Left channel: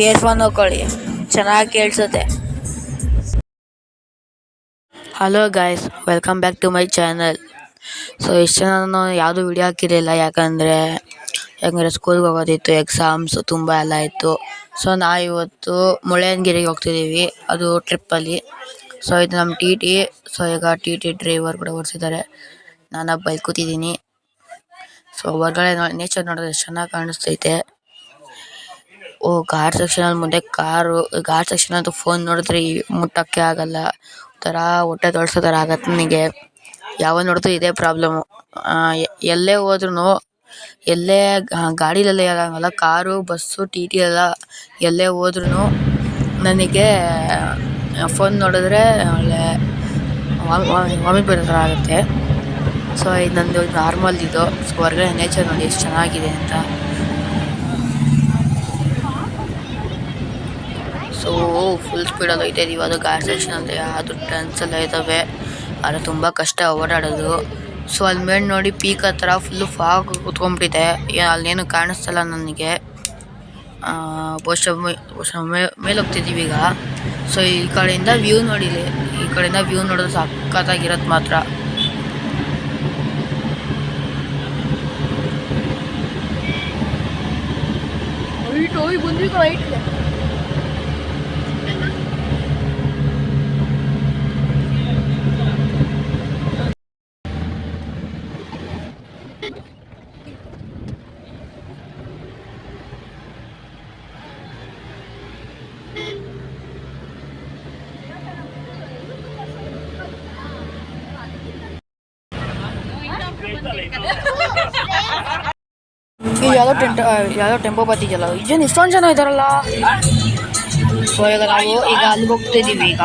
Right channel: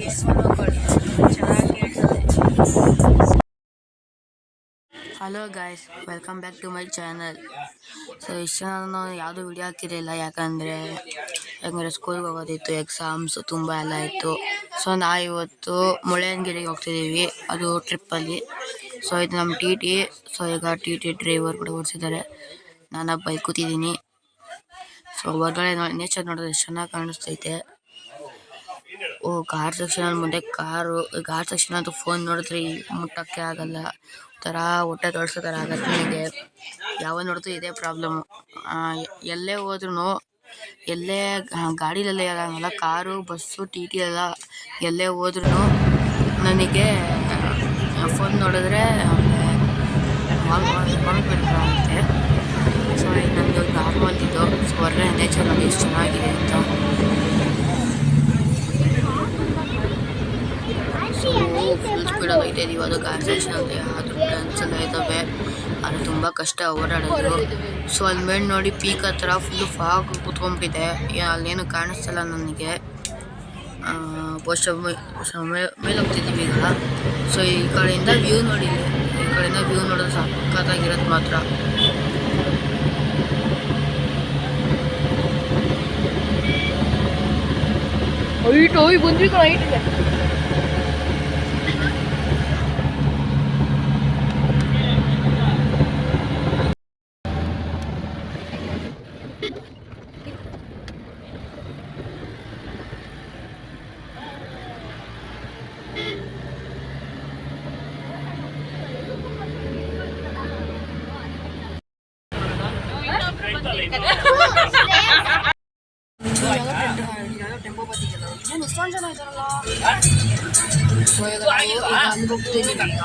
Earphone ಹಾಕೊಳ್ಳಿ, ಚೆನ್ನಾಗಿ ಕೇಳಿಸುತ್ತೆ. Hello guys, welcome back to my channel. So ಇಷ್ಟು ನಾನು ಯಾವುದೂ ವಿಡಿಯೋ ಹಾಕಿರಲಿಲ್ಲ, ಯಾಕಂದರೆ ಸ್ಕೂಲ್ಗೆ ಹೋಗೋದಿತ್ತು, ಎಕ್ಸಾಮ್ಸ್ ತುಂಬ ಎಲ್ಲ ಇತ್ತು. ಸೊ ನಾವಿವತ್ತು ಮುಳ್ಳಯ್ಯನಗಿರಿಗೆ ಹೋಗ್ತಿದ್ದೀವಿ, ಅದು ಟ್ರಿಪ್ಪಲ್ಲಿ. ಸೊ ಇದು ನಮ್ಮ ಟಿ ಟಿ. ಸೊ ಈಗ ಟಿ ಟಿ ಡ್ರೈವರ್ ಕೂಡ ಓಡಿಸಿದ್ದಾರೆ, ನಾನು ಬೈಕ್ ಕೂತಿದ್ದೀನಿ. ಸೊ ಹೊರಗಡೆ ನೇಚರ್ ನೋಡಿದ್ರೆ ಎಷ್ಟು ಚೆನ್ನಾಗಿ ಕಾಣಿಸ್ತೈತೆ. ಘಾಟ್ ಸೆಕ್ಷನಲ್ಲಿ ಮುಂದೆ ಕಾರು, ಘಾಟ್ ಸೆಕ್ಷನ್ ಅಂತೂ ಫೋನ್ ನೋಡಿದ್ರೆ ಮುಟ್ಟೋಕ್ಕೆ ಆಗಲ್ಲ, ಥರ ಹೊಟ್ಟೆ ತೊಳ್ಸೋ ಥರ ಆಗತ್ತೆ ನನಗೆ. ಯಾವಾಗ ನೋಡಿದ್ರು ಇದೇ ಪ್ರಾಬ್ಲಮ್ಮು. ಎಲ್ಲೇ ಹೋದ್ರೂ, ಎಲ್ಲೇ ಗಾಡಿಲೆಲ್ಲ ಆಗಲ್ಲ, ಕಾರು, ಬಸ್ಸು, ಟಿ ಟಿ ಎಲ್ಲ ಎಲ್ಲೇ ಹೋದ್ರೂ ನನಗೆ ಫೋನ್ ನೋಡಿದ್ರೆ ಒಳ್ಳೆ ವಾಮಿಟ್ ಬರೋ ಥರ ಆಗುತ್ತೆ. ಸೊ ಇದು ನಂದು ನಾರ್ಮಲ್ ಇದು. ಸೊ ಹೊರಗಡೆ ನೇಚರ್ ನೋಡಿ ಎಷ್ಟು ಚೆನ್ನಾಗಿದೆ ಅಂತ. ಸೊ ಫುಲ್ ಸ್ಪೀಡಲ್ಲಿ ಹೋಗ್ತಾ ಇದೀವಿ. ಅದು ಗಾಡಿ ಸೆಕ್ಷನ್ ಅಂತ ಅದು ಟರ್ನ್ಸ್ ಎಲ್ಲ ಇದ್ದಾವೆ, ಆದರೆ ತುಂಬ ಕಷ್ಟ ಓಡಾಡೋದು. ಸೊ ಅಲ್ಲಿ ಮೇಲೆ ನೋಡಿ ಪೀಕ್ ಹತ್ರ ಫುಲ್ಲು ಫಾಗ್ ಕುತ್ಕೊಂಡ್ಬಿಟ್ಟಿದೆ, ಅಲ್ಲೇನು ಕಾಣಿಸ್ತಲ್ಲ ನನಗೆ. ಮೇಲೆ ಹೋಗ್ತಿದ್ದೀವಿ ಈಗ. ಸೊ ಈ ಕಡೆಯಿಂದ ವ್ಯೂ ನೋಡಿ, ಈ ಕಡೆಯಿಂದ ವ್ಯೂ ನೋಡೋದು ಸಖತ್ತಾಗಿರೋದು ಮಾತ್ರ. ಬಂದ್ವಿ ಐಟಿಗೆ. ಯಾವುದೋ ಟೆಂಪೋ ಬರ್ತಿದ್ಯಲ್ಲ, ಇದೇನು ಇಷ್ಟೊಂದು ಜನ ಇದ್ದಾರಲ್ಲ. ಸೊ ಈಗ ನಾವು ಅಲ್ಲಿಗೆ ಹೋಗ್ತಿದ್ದೀವಿ. ಈಗ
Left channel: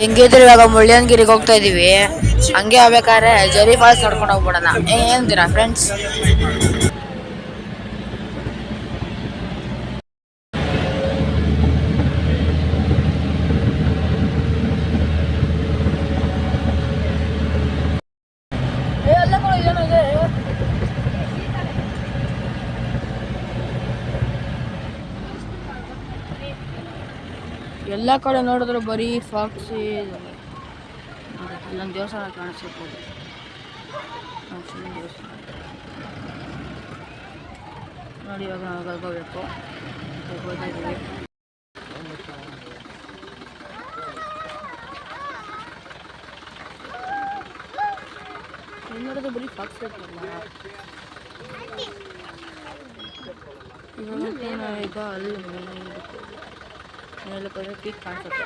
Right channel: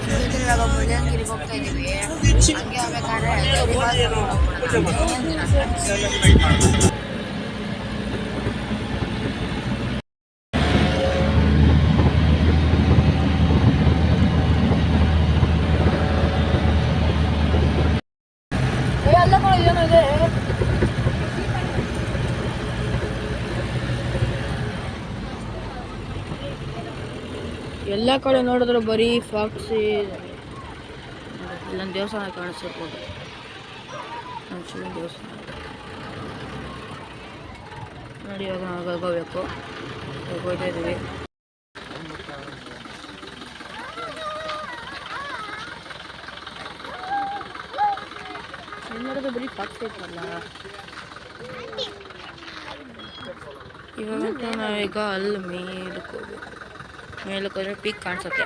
ಹೆಂಗಿದ್ರೆ ಇವಾಗ ಮುಳ್ಳಯ್ಯನಗಿರಿಗೆ ಹೋಗ್ತಾ ಇದೀವಿ. ಹಂಗೆ ಆಗ್ಬೇಕಾದ್ರೆ ಜರಿ ಫಾಲ್ಸ್ ನೋಡ್ಕೊಂಡು ಹೋಗ್ಬಿಡೋಣ, ಏನಂತೀರಾ ಫ್ರೆಂಡ್ಸ್? ಎಲ್ಲ ಕಡೆ ನೋಡಿದ್ರೆ ಬರೀ ಫಾಕ್ಸ್. ಇಲ್ಲೊಂದು ದೇವಸ್ಥಾನ ಕಾಣಿಸ್ತಿರ್ಬೋದು, ಶಿವನ ದೇವಸ್ಥಾನ ನೋಡಿ. ಇವಾಗ ನಾವು ಹೋಗ್ಬೇಕು, ಹೋಗ್ತಾ ಇದ್ದೀವಿ. ನೋಡಿದ್ರೆ ಬರೀ ಫಾಕ್ಸ್ ಇರ್ತಲ್ಲ. ಇವಾಗ ನಾವೀಗ ಅಲ್ಲಿ ಮೇಲಕ್ಕೆ ಹೋದ್ರೆ ಪೀಕ್ ಕಾಣಿಸುತ್ತೆ.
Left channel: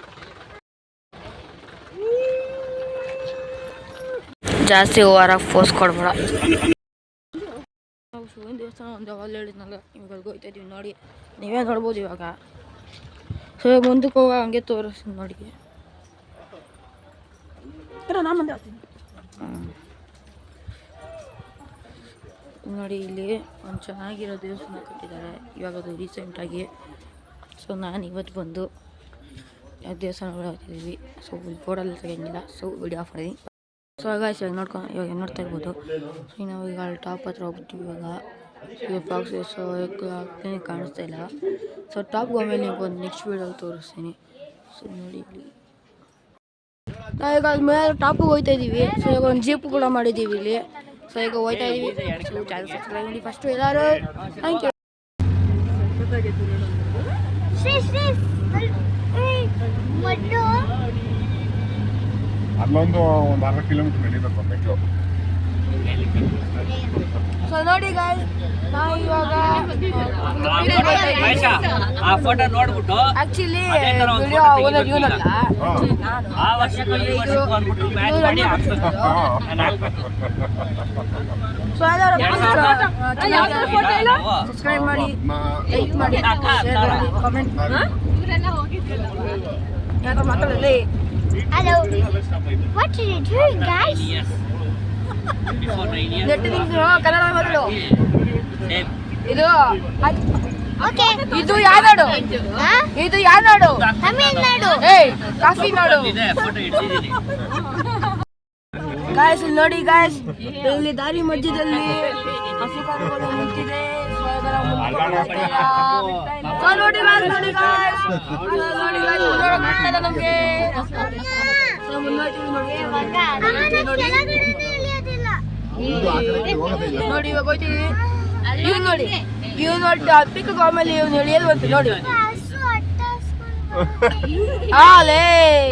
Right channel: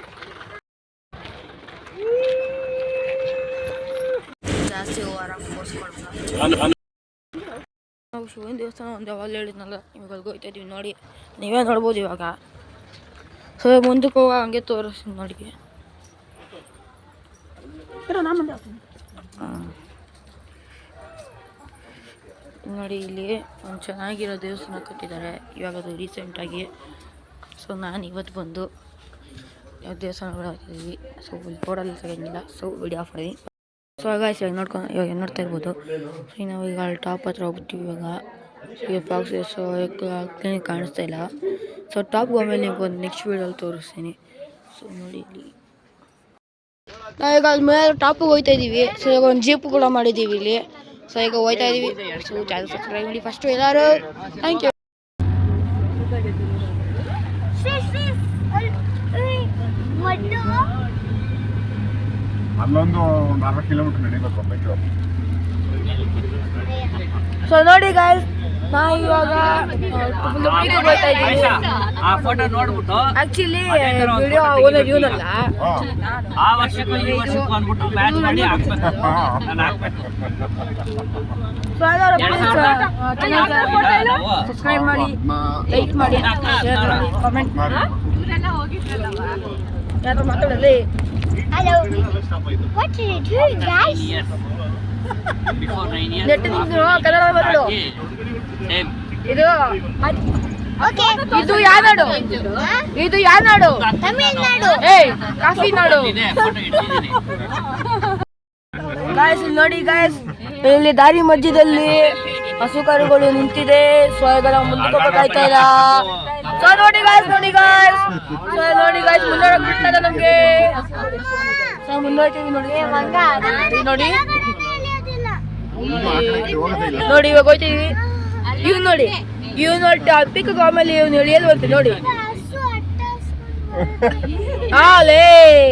ಜಾಸ್ತಿ ಓವರಾಗಿ ಫೋರ್ಸ್ ಕೊಡ್ಬೇಡ. ನಾವು ಶಿವನ ದೇವಸ್ಥಾನ ಒಂದು ಯಾವಾಗ ಹೇಳಿದ್ನಲ್ಲ, ಇವಾಗ ಅಲ್ಲಿಗೆ ಹೋಗ್ತಾ ಇದೀವಿ ನೋಡಿ, ನೀವೇ ನೋಡ್ಬೋದು ಇವಾಗ. ಸೊ ಮುಂದಕ್ಕೆ ಹೋಗ ಹಂಗೆ ತೋರಿಸ್ತೀನಿ ನೋಡಿ. ನೋಡಿ ಇಲ್ಲಿ ಒಂದು ಚೆನ್ನಾಗಿರೋ ದೇವಸ್ಥಾನ ಕಟ್ಟಿದ್ದಾರೆ, ಇವಾಗ ಅದು ರೀಸೆಂಟಾಗಿ. ಸೊ ನಾನು ಇವತ್ತು ಬಂದು ಯಾವ ದೇವಸ್ಥಾನ ಓಡಾಡ್ತಿದ್ದೀವಿ. ಸೊ ಬೋರ್ಡಲ್ಲಿ ತೆಗೆಯಂಗಿಲ್ಲ, ಸೊ ವಿಡಿಯೋ ಆಫ್ ಮಾಡಿ. ಸೊ ಗಾಯ್ಸ್ ಇವಾಗ ನೋಡ್ತಾ ಇರ್ಬೋದು. ಸೊ ನಾವು ಈಗ ಅಲ್ಲಿ ಟಾಪ್ ಹತ್ರ ಹೋಗ್ಬಿಟ್ಟಿವಿ ಇವಾಗ. ಈಗ ಫಾಕ್ಸ್ ಸೊ ಕ್ಲೀನಿಕ್ ಕಾಣಿಸ್ತಾ ಇಲ್ಲ. ಸೊ ಟಾಪ್ಗೆ ಹೋದ್ಮೇಲೆ ನಿಮ್ಗೆ ಒಂದು ನೆಕ್ಸ್ಟ್ ವೀಡಿಯೋಲ್ಲಿ ತೋರಿಸ್ತೀನಿ. ಸೊ ನೋಡಿ ಇಲ್ಲಿ ನಾವೀಗ ಅಲ್ಲಿ ಮೇಲೆ ಟಾಪಿಗೆ ಹೋಗ್ತಾ ಇದ್ದೀವಿ. ಸೊ ಈಗ ಒಂದು ಜೀಪ್ ಕೂಡ ಮಾಡಿದ್ದೀವಿ ಇಲ್ಲಿ. ಸೊ ಈಗ ಹೋಗ್ತಾ ಇದ್ದೀವಿ. ಸೊ ಚಾನಲ್ ಸಬ್ಸ್ಕ್ರೈಬ್ ಮಾಡಿ ಫಸ್ಟು ಎಲ್ಲರೂ. Thank you. ಅಲ್ಲೊಂದು 4 ಕಿಲೋಮೀಟರ್ ನಡೀಬೇಕು ಮೆಟ್ರೋ. ಸೊ ನೋಡಿ ಗಾಯ್ಸ್, ನಾವು ಇವಾಗ ಆಕ್ಚುಲಿ ವಿಡಿಯೋ ಓನರ್ ಇವನಲ್ಲ, ಸೊ ಸಬ್ಸ್ಕ್ರೈಬ್ ಮಾಡಿ, ಲೈಕ್ ಮಾಡಿ, ಶೇರ್ ಮಾಡಿ, ಕಾಮೆಂಟ್ ಮಾಡಿ. ಯಾರು ಮಾತಾಡಲಿ Hello. What are you doing, guys? ನೆಟ್ ನಿಂತು ಕನ್ನಡ ಮಾತಾಡು. ಇದು Okay. ಇದು ಯಾವ ನಾಡು? ಇದು ಯಾವ ನಾಡು? ತಮಿಳ್ನಾಡು. ಏಯ್ ಕಾಫಿ ನಾಡು. ಗಾಯ್ಸ್ ಇಲ್ಲಿ ನೋಡಿ ಗಾಯ್ಸ್, ಇಲ್ಲಿ ದಾರಿ ಮಧ್ಯದಲ್ಲಿ ಹಸು ಕರುಗಳು ನಿಂತಿದೆ. ಸೊ ಇದರ ಮುಂದಕ್ಕೆ ಹೋಗ್ತಾ ಇಲ್ಲ. ಸೊ ನೋಡಿ ಗಾಯ್ಸ್, ನೋಡಿ ಗಾಯ್ಸ್, ಸೊ ನೋಡಿ ಗಾಯ್ಸ್, ಮುಂದೆ ಬಿಡ್ತಾ ಇದೆ ನಮ್ಗೆ. ಸೊ ಮುಂದೆ ಹೋಗ್ತೀವಿ ನೋಡಿ. ನೋಡಿ ನೋಡಿ ಇವಾಗ ಹೋಗ್ತೀವಿ. ಇವ್ ನೋಡಿ, ಇವ್ ನೋಡಿ ಪಿಕ್ ಆಮೇಲೆ ಇವ್ನು ಎಳಿಯೋದು ಅಂತ ನೋಡಿ. ಆಲೇ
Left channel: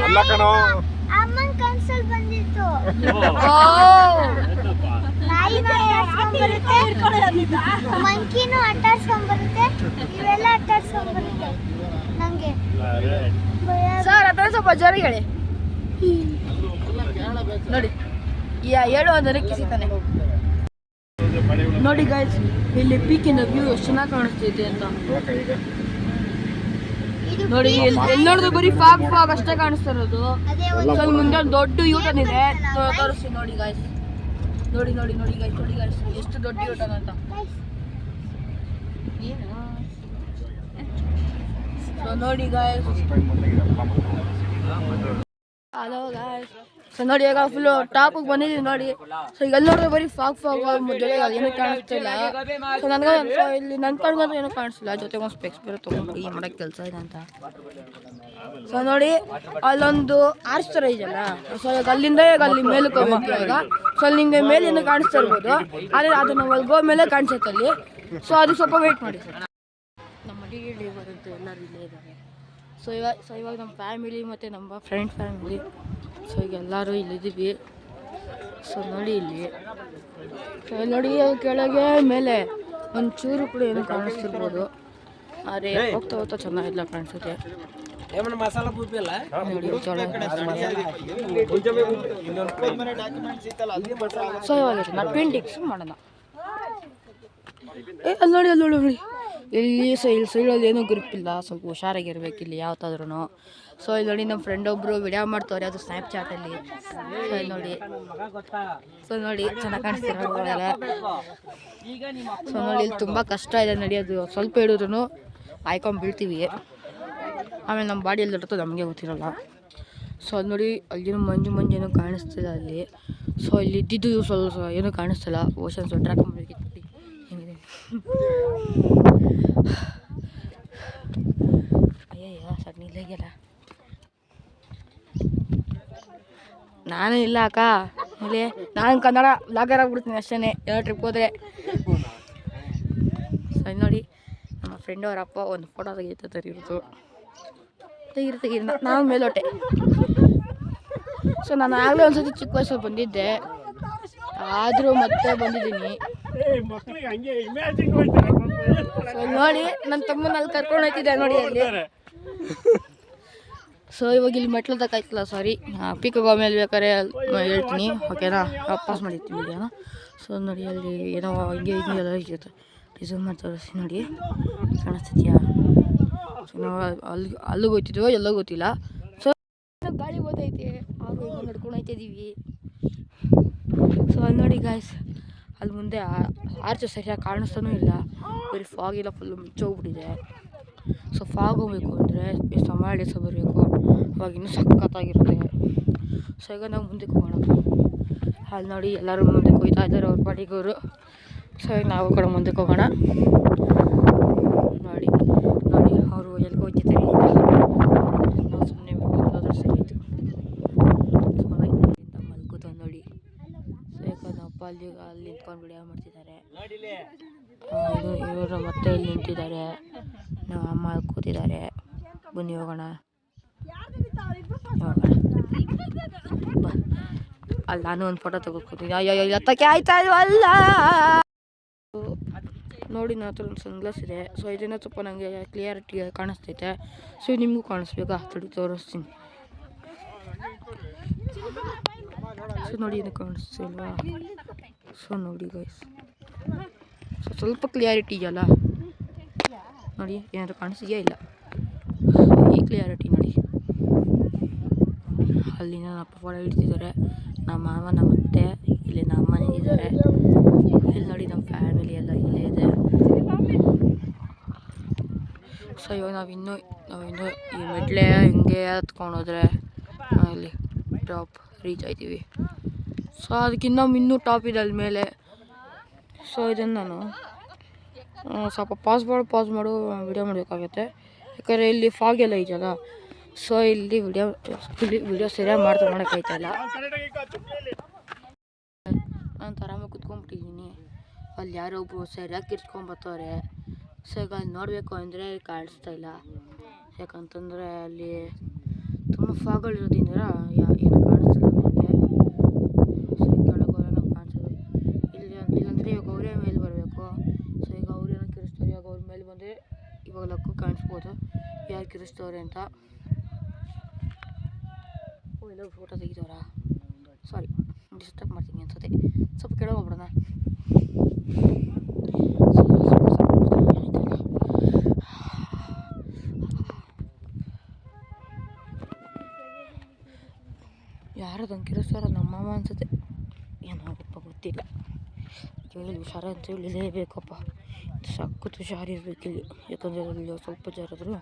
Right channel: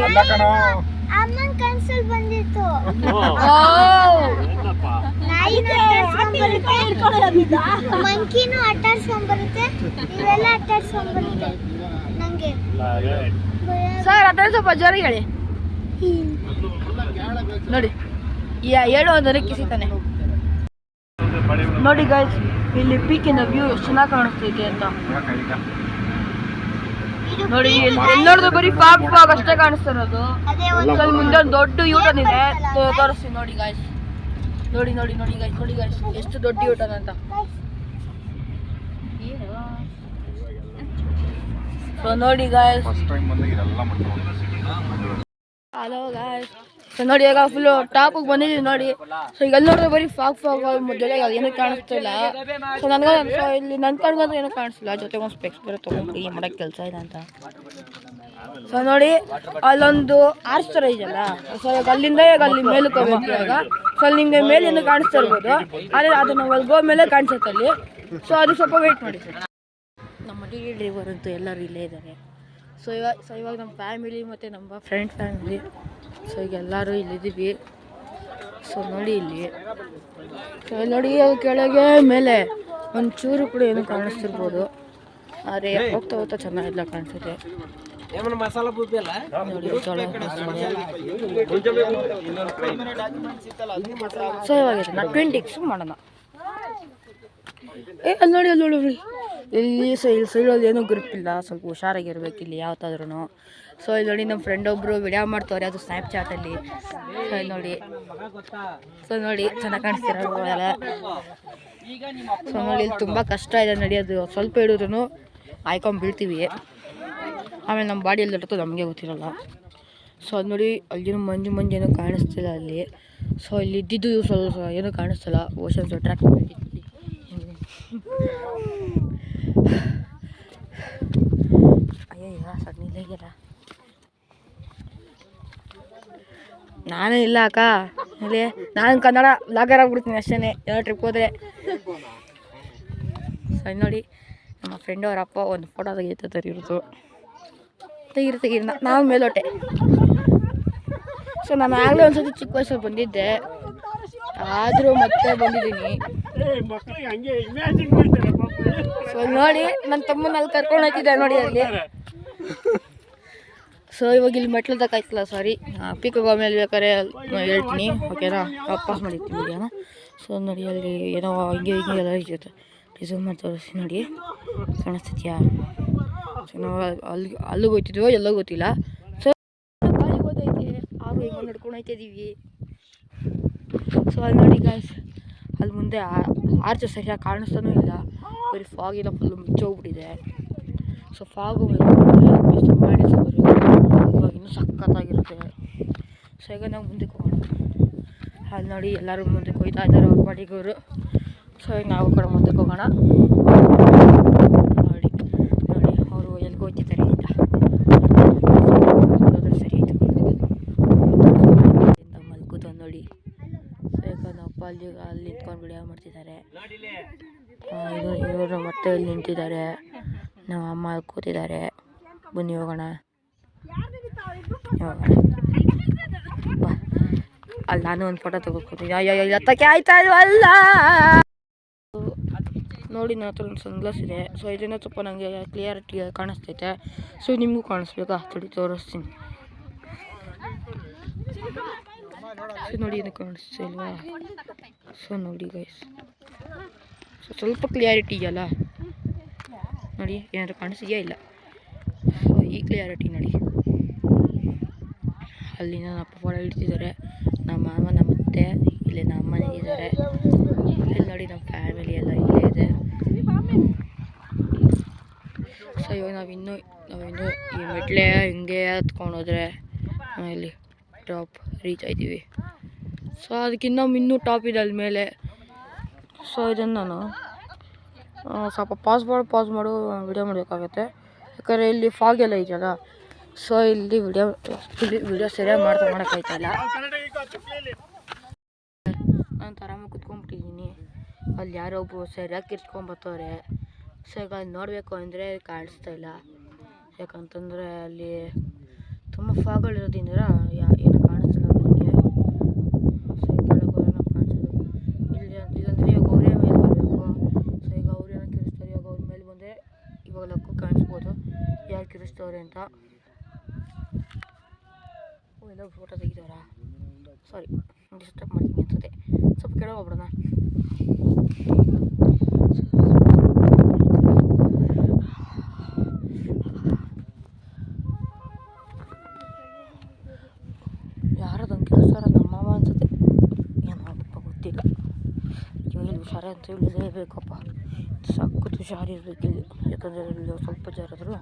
ಅಲ್ಲ ಕಣೋ, ಅಮ್ಮನ್ ಕನ್ಸಲ್ ಬಂದಿತ್ತು. ಓ ನಾಯಿನೂ ಅಟ್ಟಾಡ್ಸ್ಕೊಂಡ್ಬರುತ್ತೆ, ಮಂಕಿನೂ ಅಟ್ಟಾಡ್ಸ್ಕೊಂಡ್ಬರುತ್ತೆ, ಇವೆಲ್ಲ ಅಟ್ಟಾಡ್ಸ್ಕೊಂಡ್ಬರುತ್ತೆ. ನಂಗೆ ಸರ್ ಅದನ್ನ ಸ್ವಲ್ಪ ಜೋರಾಗಿ ಹೇಳಿ. ನೋಡಿ ಹೇಳು ಅಂದ್ರೆ ಕಿಸಿತಾನೆ. ನೋಡಿ ಗಾಯ್ಸ್, ಇಲ್ಲಿ ಪೀಕಿನ ವ್ಯೂ ಎಷ್ಟು ಚೆನ್ನಾಗಿ ಕಾಣಿಸ್ತೈತೆ ಅಂತ ನೋಡಿ. ಎಲ್ಲಿ ನೋಡಿದ್ರು ಬರೀ ಫಾಗ್ ಫಾಗ್ ಅಷ್ಟೇ ಕಾಣಿಸ್ತಾ ಇರೋದು. ಅದೇ ಸ್ವಲ್ಪ ಮುಂದೆ ಒಂದು ದೊಡ್ಡ ಯೂಟನ್ ಇದೆ, ತೋರಿಸ್ತೀನಿ ನೋಡಿ ಗಾಯ್ಸ್. ನೋಡಿ ನೋಡಿ ನೋಡಿ ಗಾಯ್ಸ್, ನೋಡಿ ಗಾಯ್ಸ್ ಎಷ್ಟು ದೊಡ್ಡ ಯೂಟನ್ ಅಂತ. ಸೊ ನೋಡಿ ಗಾಯ್ಸ್, ಫಸ್ಟ್ ಟೈಮ್ ಬಂದಾಗ ಇದೆಲ್ಲ ಮಾಡ್ಕೊಂಡು ಹಲೋ ಗಾಯ್ಸ್. ಸೊ ನೋಡಿ ಈಗ ಫುಲ್ ಟಾಪಿಗೆ ಬಂದಿದ್ದೀವಿ ನೋಡಿ. ಸೊ ಈಗ ಎಲ್ಲಿ ನೋಡಿದ್ರೆ ಬರೀ ಫಾಗ್ ಫಾಗ್ ಮೊದಲೇ ಏನೂ ಕಾಣಿಸ್ತಾ ಇಲ್ಲ. ಸೊ ನನಗೆ ಇಲ್ಲಿ ನನ್ನ ಕಣ್ಗಂತೂ ಏನೂ ಕಾಣಿಸ್ತಿಲ್ಲ. ಜೊತೆಗೆ ಒಂದು ಸ್ಪೆಕ್ಸ್ ಬೇರೆ ತೊಗೊಂಡು ಕೈ ಮಾಡೋಕ್ಕೆ ಕೆಲಸ ಇದೆ ಅಂತ. ಸೊ ನೋಡಿ ಅಲ್ಲೊಂದು ಆರ್ಚ್ ಥರ ಇದೆಯಲ್ಲ, ಸೊ ಈಗ ಅಲ್ಲಿಂದ ಈಗ ಅಲ್ಲಿ ಮೇಲಕ್ಕೆ ಹೋಗ್ಬೇಕು. ಇವಾಗ ಸೊ ಅಲ್ಲಿ ನಿಮಗೆ ಮೇಲೆ ಏನೂ ಕಾಣಿಸ್ತಾ ಇರ್ಬೋದು, ಆದರೆ ಅದನ್ನು ಒಳಗೋ ಮೇಲೆ ಕಾಣಿಸುತ್ತೆ ಅಲ್ಲಿ. ಸೊ ಅದು ಸ್ವಲ್ಪ ವೆಯ್ಟ್ ಮಾಡಿ. ನಮ್ಮ ಡಿ ಡ್ರೈವರ್ ಅಂತೂ ಎಲ್ಲರೂ ಇಲ್ಲೇ ಇದ್ದಾರೆ. ಸೊ ಇವಾಗ ನಮ್ಮ ಫ್ಯಾಮಿಲಿ ಮತ್ತು ನಮ್ಮ ಫ್ರೆಂಡ್ ಫ್ಯಾಮಿಲಿ, ಸೊ ಈಗ ಎಲ್ಲರೂ ಇಲ್ಲಿದ್ದೀವಿ. ಸೊ ನೋಡಿ ಇಲ್ಲಿ, ಸೊ ನೋಡಿ ಕೆಳಗೆ ಮೇಲೆ ಒಂಚೂರು ಕೂಡ ಏನೂ ಕಾಣಿಸ್ತಿರ್ಬೋದು, ಆದರೆ ಹೋಗ್ತಾ ಹೋಗ್ತಾ ಚೆನ್ನಾಗಿಲ್ಲ ಕಾಣಿಸುತ್ತೆ. ನೋಡಿ ಜೋಳ ಸೊ ಇವಾಗ ನಾನು 20x ಮಾಡೋಣ. ಅಲ್ಲಿ ನೋಡಿ ಅಲ್ಲಿ ನೋಡಿ ಇಲ್ಲಿ ಸೈಡಲ್ಲಿ ಏನೂ ಗ್ರಿಪ್ ಇಲ್ಲ, ಸ್ವಲ್ಪ ಹುಷಾರಾಗಿರ್ಬೇಕು ಇಲ್ಲಿ ಯಾವತ್ತಾದ್ರೂ. ಸೊ ಇಲ್ಲಿ ನೋಡಿ ನಮ್ಮ ಫ್ರೆಂಡ್ ಒಬ್ಬರು ವಿಡಿಯೋ ಮಾಡ್ತವ್ರೆ, ಅದು ಸ್ನ್ಯಾಪ್ಚಾಟಲ್ಲಿ. ಸೊ ಇಲ್ಲಿ ನೋಡಿ, ಸೊ ನೋಡಿ ಚೆನ್ನಾಗಿ ಕಾಣಿಸ್ತಿರೋಲ್ಲ. ಸೊ ನೋಡಿ ಇಲ್ಲಿ ತುಂಬ ಕಷ್ಟ ಇದೆ ನಡೆಯೋದು, ಸ್ವಲ್ಪ ಹಿಡಿದ್ರೂ ಆಯ್ಕೊಂಡ್ಬೀಳ್ತೀವಿ. ಆಮೇಲೆ ನಮ್ಮ ಬಾಡಿಯಲ್ಲಿ ಇರ್ತದೆ ನಮಗೆ ಗೊತ್ತಿರೋಲ್ಲ. ಸೊ ಅದು ನೋಡಿ ಅಲ್ಲಿನೂ ಮಂಜು ಏನೂ ಕಾಣಿಸ್ತಿಲ್ಲ ಅಲ್ಲಿ. ಸೊ ಇಲ್ಲಿ ಇದ್ದಿದ್ದು ಸ್ವಲ್ಪ ಏನೂ ಕಾಣಿಸ್ತಿಲ್ಲ. ಓಷನ್ಸ್ ಟ್ರ್ಯಾಕ್ ಅಯ್ಯಯ್ಯ ಸರ್ ನಿಲ್ಲ, ನಾನೇ ಇಲ್ಲ ಅಕ್ಕ. ಇಲ್ಲಿ ನಾನು ಕನ್ನಡ ಬ್ಲಾಗರ್ ಆಗ್ಬಿಡ್ತೀನಿ ಅಷ್ಟೇ ಏನೋ ಟ್ರಿಪ್ ಹೋದರೆ. ಸರಿ ನೋಡಿ ನಮ್ಮ ಫ್ರೆಂಡ್ ಅವ್ರ ಅಪ್ಪ ಒಂದು ಫೋಟೋ ತೆಗಿತಾರೆ ತೆಗಿರು ನಾವು ಮೇಲೋಟೆ. ಸೊ ನಾನು ಆಗಲೇ ಒಂದ್ಸತಿ ಚಿಕ್ಕ ವಯಸ್ಸಲ್ಲಿ ಬಂದಿದ್ದೆ, ಆದರೂ ಮತ್ತೆ ಬಂದಿದ್ದೀನಿ. ಸೊ ನೋಡಿ ನನ್ನ ತಮ್ಮನ ಅಲ್ಲಿ ಕರ್ಕೊಂಡು ಹೋಗ್ತಿದ್ದೆ ನೋಡಿ ಅಲ್ಲಿ. ಸೊ ಇವಾಗ ಇಲ್ಲಿ ಮೆಟ್ಲು ತಕ್ಕಾಯ್ತಲ್ಲ, ಸಾರಿ ಪೀಕಿಗೆ ಆಮೇಲೆ ಬೇಕಾದ್ರೆ ಹೇಳ್ತೀನಿ, ಓಕೆನಾ? ವಾಪಸ್ ಮಾಡಿರ್ತೀನಿ ವಿಡಿಯೋನ. ಸೊ ನೋಡಿ ಅಲ್ಲಿ ಏನೋ ಹಿಂಗೆ ಎಲ್ಲ ಇರುತ್ತೆ, ರಿಸೂಮ್ ಮಾಡಿ ತೋರಿಸಿ ನೋಡಿ, ಕಾಣಿಸ್ತಿದ್ಯಾ? ಸೊ ನಾವು ಅಲ್ಲಿಗೆ ಹೋಗ್ತಿದ್ವೋ ಎಲ್ಲೋ ಗೊತ್ತಿಲ್ಲ. ಸೊ ಗಾಳಿಗೆ ಹೋಗ್ತೈತೆ, ಹಾಗೂ ಹಿಂಗೆ ನಡ್ಕೊಂಡು ಹೋಗ್ತಿದ್ದೀವಿ. ಸೊ ಅಲ್ಲಿ ನೋಡಿ ಗಾಯ್ಸ್, ಅಲ್ಲಿ ಮುಂದೆ ಆರ್ಚ್ ಸರಿಯಾಗಿ ಕಾಣಿಸ್ತಾನೂ ಇಲ್ಲ, ಬರೀ ಫಾಗಿಲ್ಲ ಫುಲ್ಲು ಮುಚ್ಚೋಗ್ಬಿಟ್ಟಿದೆ. ಸೊ ಫಾಗು ಬೇಕು ಮಾಡಿ ಬರಬೇಕು, ಇವಾಗ ಇನ್ನೂ ಸಖತ್ತಾಗಿರುತ್ತೆ. ಸೊ ಈಗ ನಾವು ಮುಂದಕ್ಕೆ ಹೋಗೋಣ. ಅಲ್ಲಿ ನೋಡಿ ಎಲ್ಲರೂ ಮುಂದಕ್ಕೆ ಹೋಗ್ತಾ ಇದ್ದಾರೆ ಅವ್ರ ಪಾಡಿಗವರು. ಸೊ ಈಗ ನಾವು ಕಡೆ ಮುಂದಕ್ಕೆ ಹೋಗೋಣ. ನೋಡಿ ನೋಡಿ ಅವರು ಎಲ್ಲಿಗೆ ಹೋಗ್ತಿದ್ದಾರೆ ಸರಿ ಆಯಿತು ಮಲ್ಕೂತ ನೋಡಿ. ಸೊ ಈಗ ನಮ್ಮಪ್ಪ ಅಲ್ಲಿ ನಿಂತ್ಕೊಂಡು ವಿಡಿಯೋ ಮಾಡ್ತಿದ್ದಾರೆ. ಇವರು ಮತ್ತೆ ಇಲ್ಲಿ ನಿಂತಿದ್ದಾರೆ, ನಮ್ಮ ಅಮ್ಮ ಕೂತಿದ್ದಾರೆ. ಬನ್ನಿ ಹೋಗೋಣ. ಬಾ, ಅಲ್ಲಿ ನಾನು ಒಂದು ಫೋಟೋ ತೆಗೆದುಕೊತೀನಿ. ಅಯ್ಯೋ ಎತ್ತಕ್ಕೆ ಆಯ್ತಾ ಇಲ್ವಲ್ಲ. ನೋಡಿ ನನ್ನ ಹತ್ರ ಒಂದು ಸನ್ಗ್ಲಾಸ್ ಇದೆ. ಸೊ ಇದನ್ನ ಸ್ವಲ್ಪ ನನಗೆ ಕ್ಲಿಯರಿಟಿ ಕಾಣಿಸ್ತೈತೆ. ಸೊ ನಿಮಗೂ ಕಾಣಿಸ್ಬೇಕಾ? ತಡಿ ತೋರಿಸ್ತೀನಿ. ಸೊ ನೋಡಿ ಇದು ಕಾಣಿಸ್ತಿಲ್ವಾ? ಸೊ ನೋಡಿ ಗೈಸ್, ಸೊ ಸ್ವಲ್ಪ ಕ್ಲಿಯಾರಿಟಿ ಇದೆಯಲ್ಲ ನೋಡಿ, ಏನಾದರೂ ಕಾಣಿಸ್ತೀಯಾ? ಇಲ್ಲ, ಈ ಕ್ಲಿಯಾರಿಟಿ ನೋಡಿ ಅಲ್ಲಿ ನನ್ನ ಅಪ್ಪ ಫೋಟೋ ಇಡ್ತಿದ್ದಾರೆ, ನಮ್ಮ ಮಾವ ನಮ್ಮ ಅತ್ತೆ ಇಲ್ಲಿ ನಮ್ಮ ಅಮ್ಮನೇ ಇದ್ದಾರೆ. ಇಲ್ಲಿ ನೋಡಿ ನಮ್ಮ ಫ್ಯಾಮಿಲಿ ಎಲ್ಲ ಇಲ್ಲೇ ಇದೆ. ಸೊ ಇವಾಗ ನಾವಿನ್ನೂ ಈ ಮೆಟ್ಲೆ ಹಿಂಗೆ ಹತ್ಕೊಂಡು ಹೋದರೆ ಇಲ್ಲಿ ಟಾಪ್ ರೀಚ್ ಆಯ್ತೀವಿ. ಸೊ ಅದಕ್ಕಿಂತ ಇನ್ನೂ ಟಾಪ್ ಇದೆ ಅಲ್ಲಿ ಮೇಲೆ. ಸೊ ಇದನ್ನು ನಾನು ಸ್ವಲ್ಪ ಪಾಸ್ ಮಾಡು ವಿಡಿಯೋ ಮಾಡಬೇಕಾಗತ್ತೆ, ಯಾಕಂದರೆ ಇಲ್ಲಿ ಫಾಗ್ ಎಲ್ಲ ಇದೆಯಲ್ಲ. ಸೊ ಇಲ್ಲಿ ವಿಡಿಯೋ ಸರಿಯಾಗಿ ಮಾಡೋಕ್ಕಾಯ್ತಲ್ಲ. ನಾನು ಆರಾಮಾಗಿ ಕುತ್ಕೊಂಡ್ಬಿಟ್ಟಿದ್ದೀನಿ. ಅಲ್ಲಿ ಯಾರೋ ಒಬ್ಬರು ಸರಿಯಾಗಿ ಕಿರ್ಚ್ಕೊಂಬತ್ತವ್ರೆ. ಸೊ ಈಗ ಅಲ್ಲಿ ನೋಡಬೇಕು ಅಂದರೆ ಕಾಣಿಸ್ತಾ ಇಲ್ಲ, ಯಾಕಂತಂದರೆ ಅಲ್ಲಿ ತುಂಬ ಫಾಗ್ಗಳಿರೋದ್ರಿಂದ ಏನೋ ಕಾಣಿಸ್ತಿಲ್ಲ ನನಗೆ. ಸೊ ಈ ಕೆಳಗೆ ಕಾಣಿಸೋದು ಇಲ್ಲಾಂದರೆ ಇವಾಗ ಅವರೇ ಮೇಲೆ ಬರಬೇಕು. ಸೊ ಈಗ ಅವ್ರು ಏನೋ ಕಿರಿಸ್ತಾರೆ, ಇವಾಗ ಅವ್ರ ಮೇಲೆ ಬಂದರೆ ಇವಾಗ ಲಕ್ಕು ಕಾಣಿಸ್ಬೋದು ಯಾರು ಕಿರಿಸ್ತವ್ರೆ ಅಂತ. ಎಲ್ಲ ಫೋಟೋ ತೆಗಿದವ್ರ, ಸಾರಿ ಡಿಸ್ಟರ್ಬ್ ಮಾಡ್ತೀನಿ ಅನ್ಸುತ್ತೆ. ಸ್ವಲ್ಪ ಕೆಳಗೆ ಹೋಗ್ಬಿಡೋಣ. ಯಾರದಂಗೆ ಕಿರಿಸ್ತಾರ, ನಮ್ಮ ಮಾವ ಅನ್ಸುತ್ತೆ, ಏನಪ್ಪ ಗೊತ್ತಿಲ್ಲ. ಇಲ್ಲಿ ಹುಷಾರ ಅಂತ ಹೇಳಿಲೇಬೇಕಪ್ಪ, ಸಖತ್ ಹುಷಾರಿರ್ಬೇಕು ಇಲ್ಲಿ. ಯಾಕಂದರೆ ಅಲ್ಲಿ ಸ್ವಲ್ಪ ಜಾರಾದ್ರು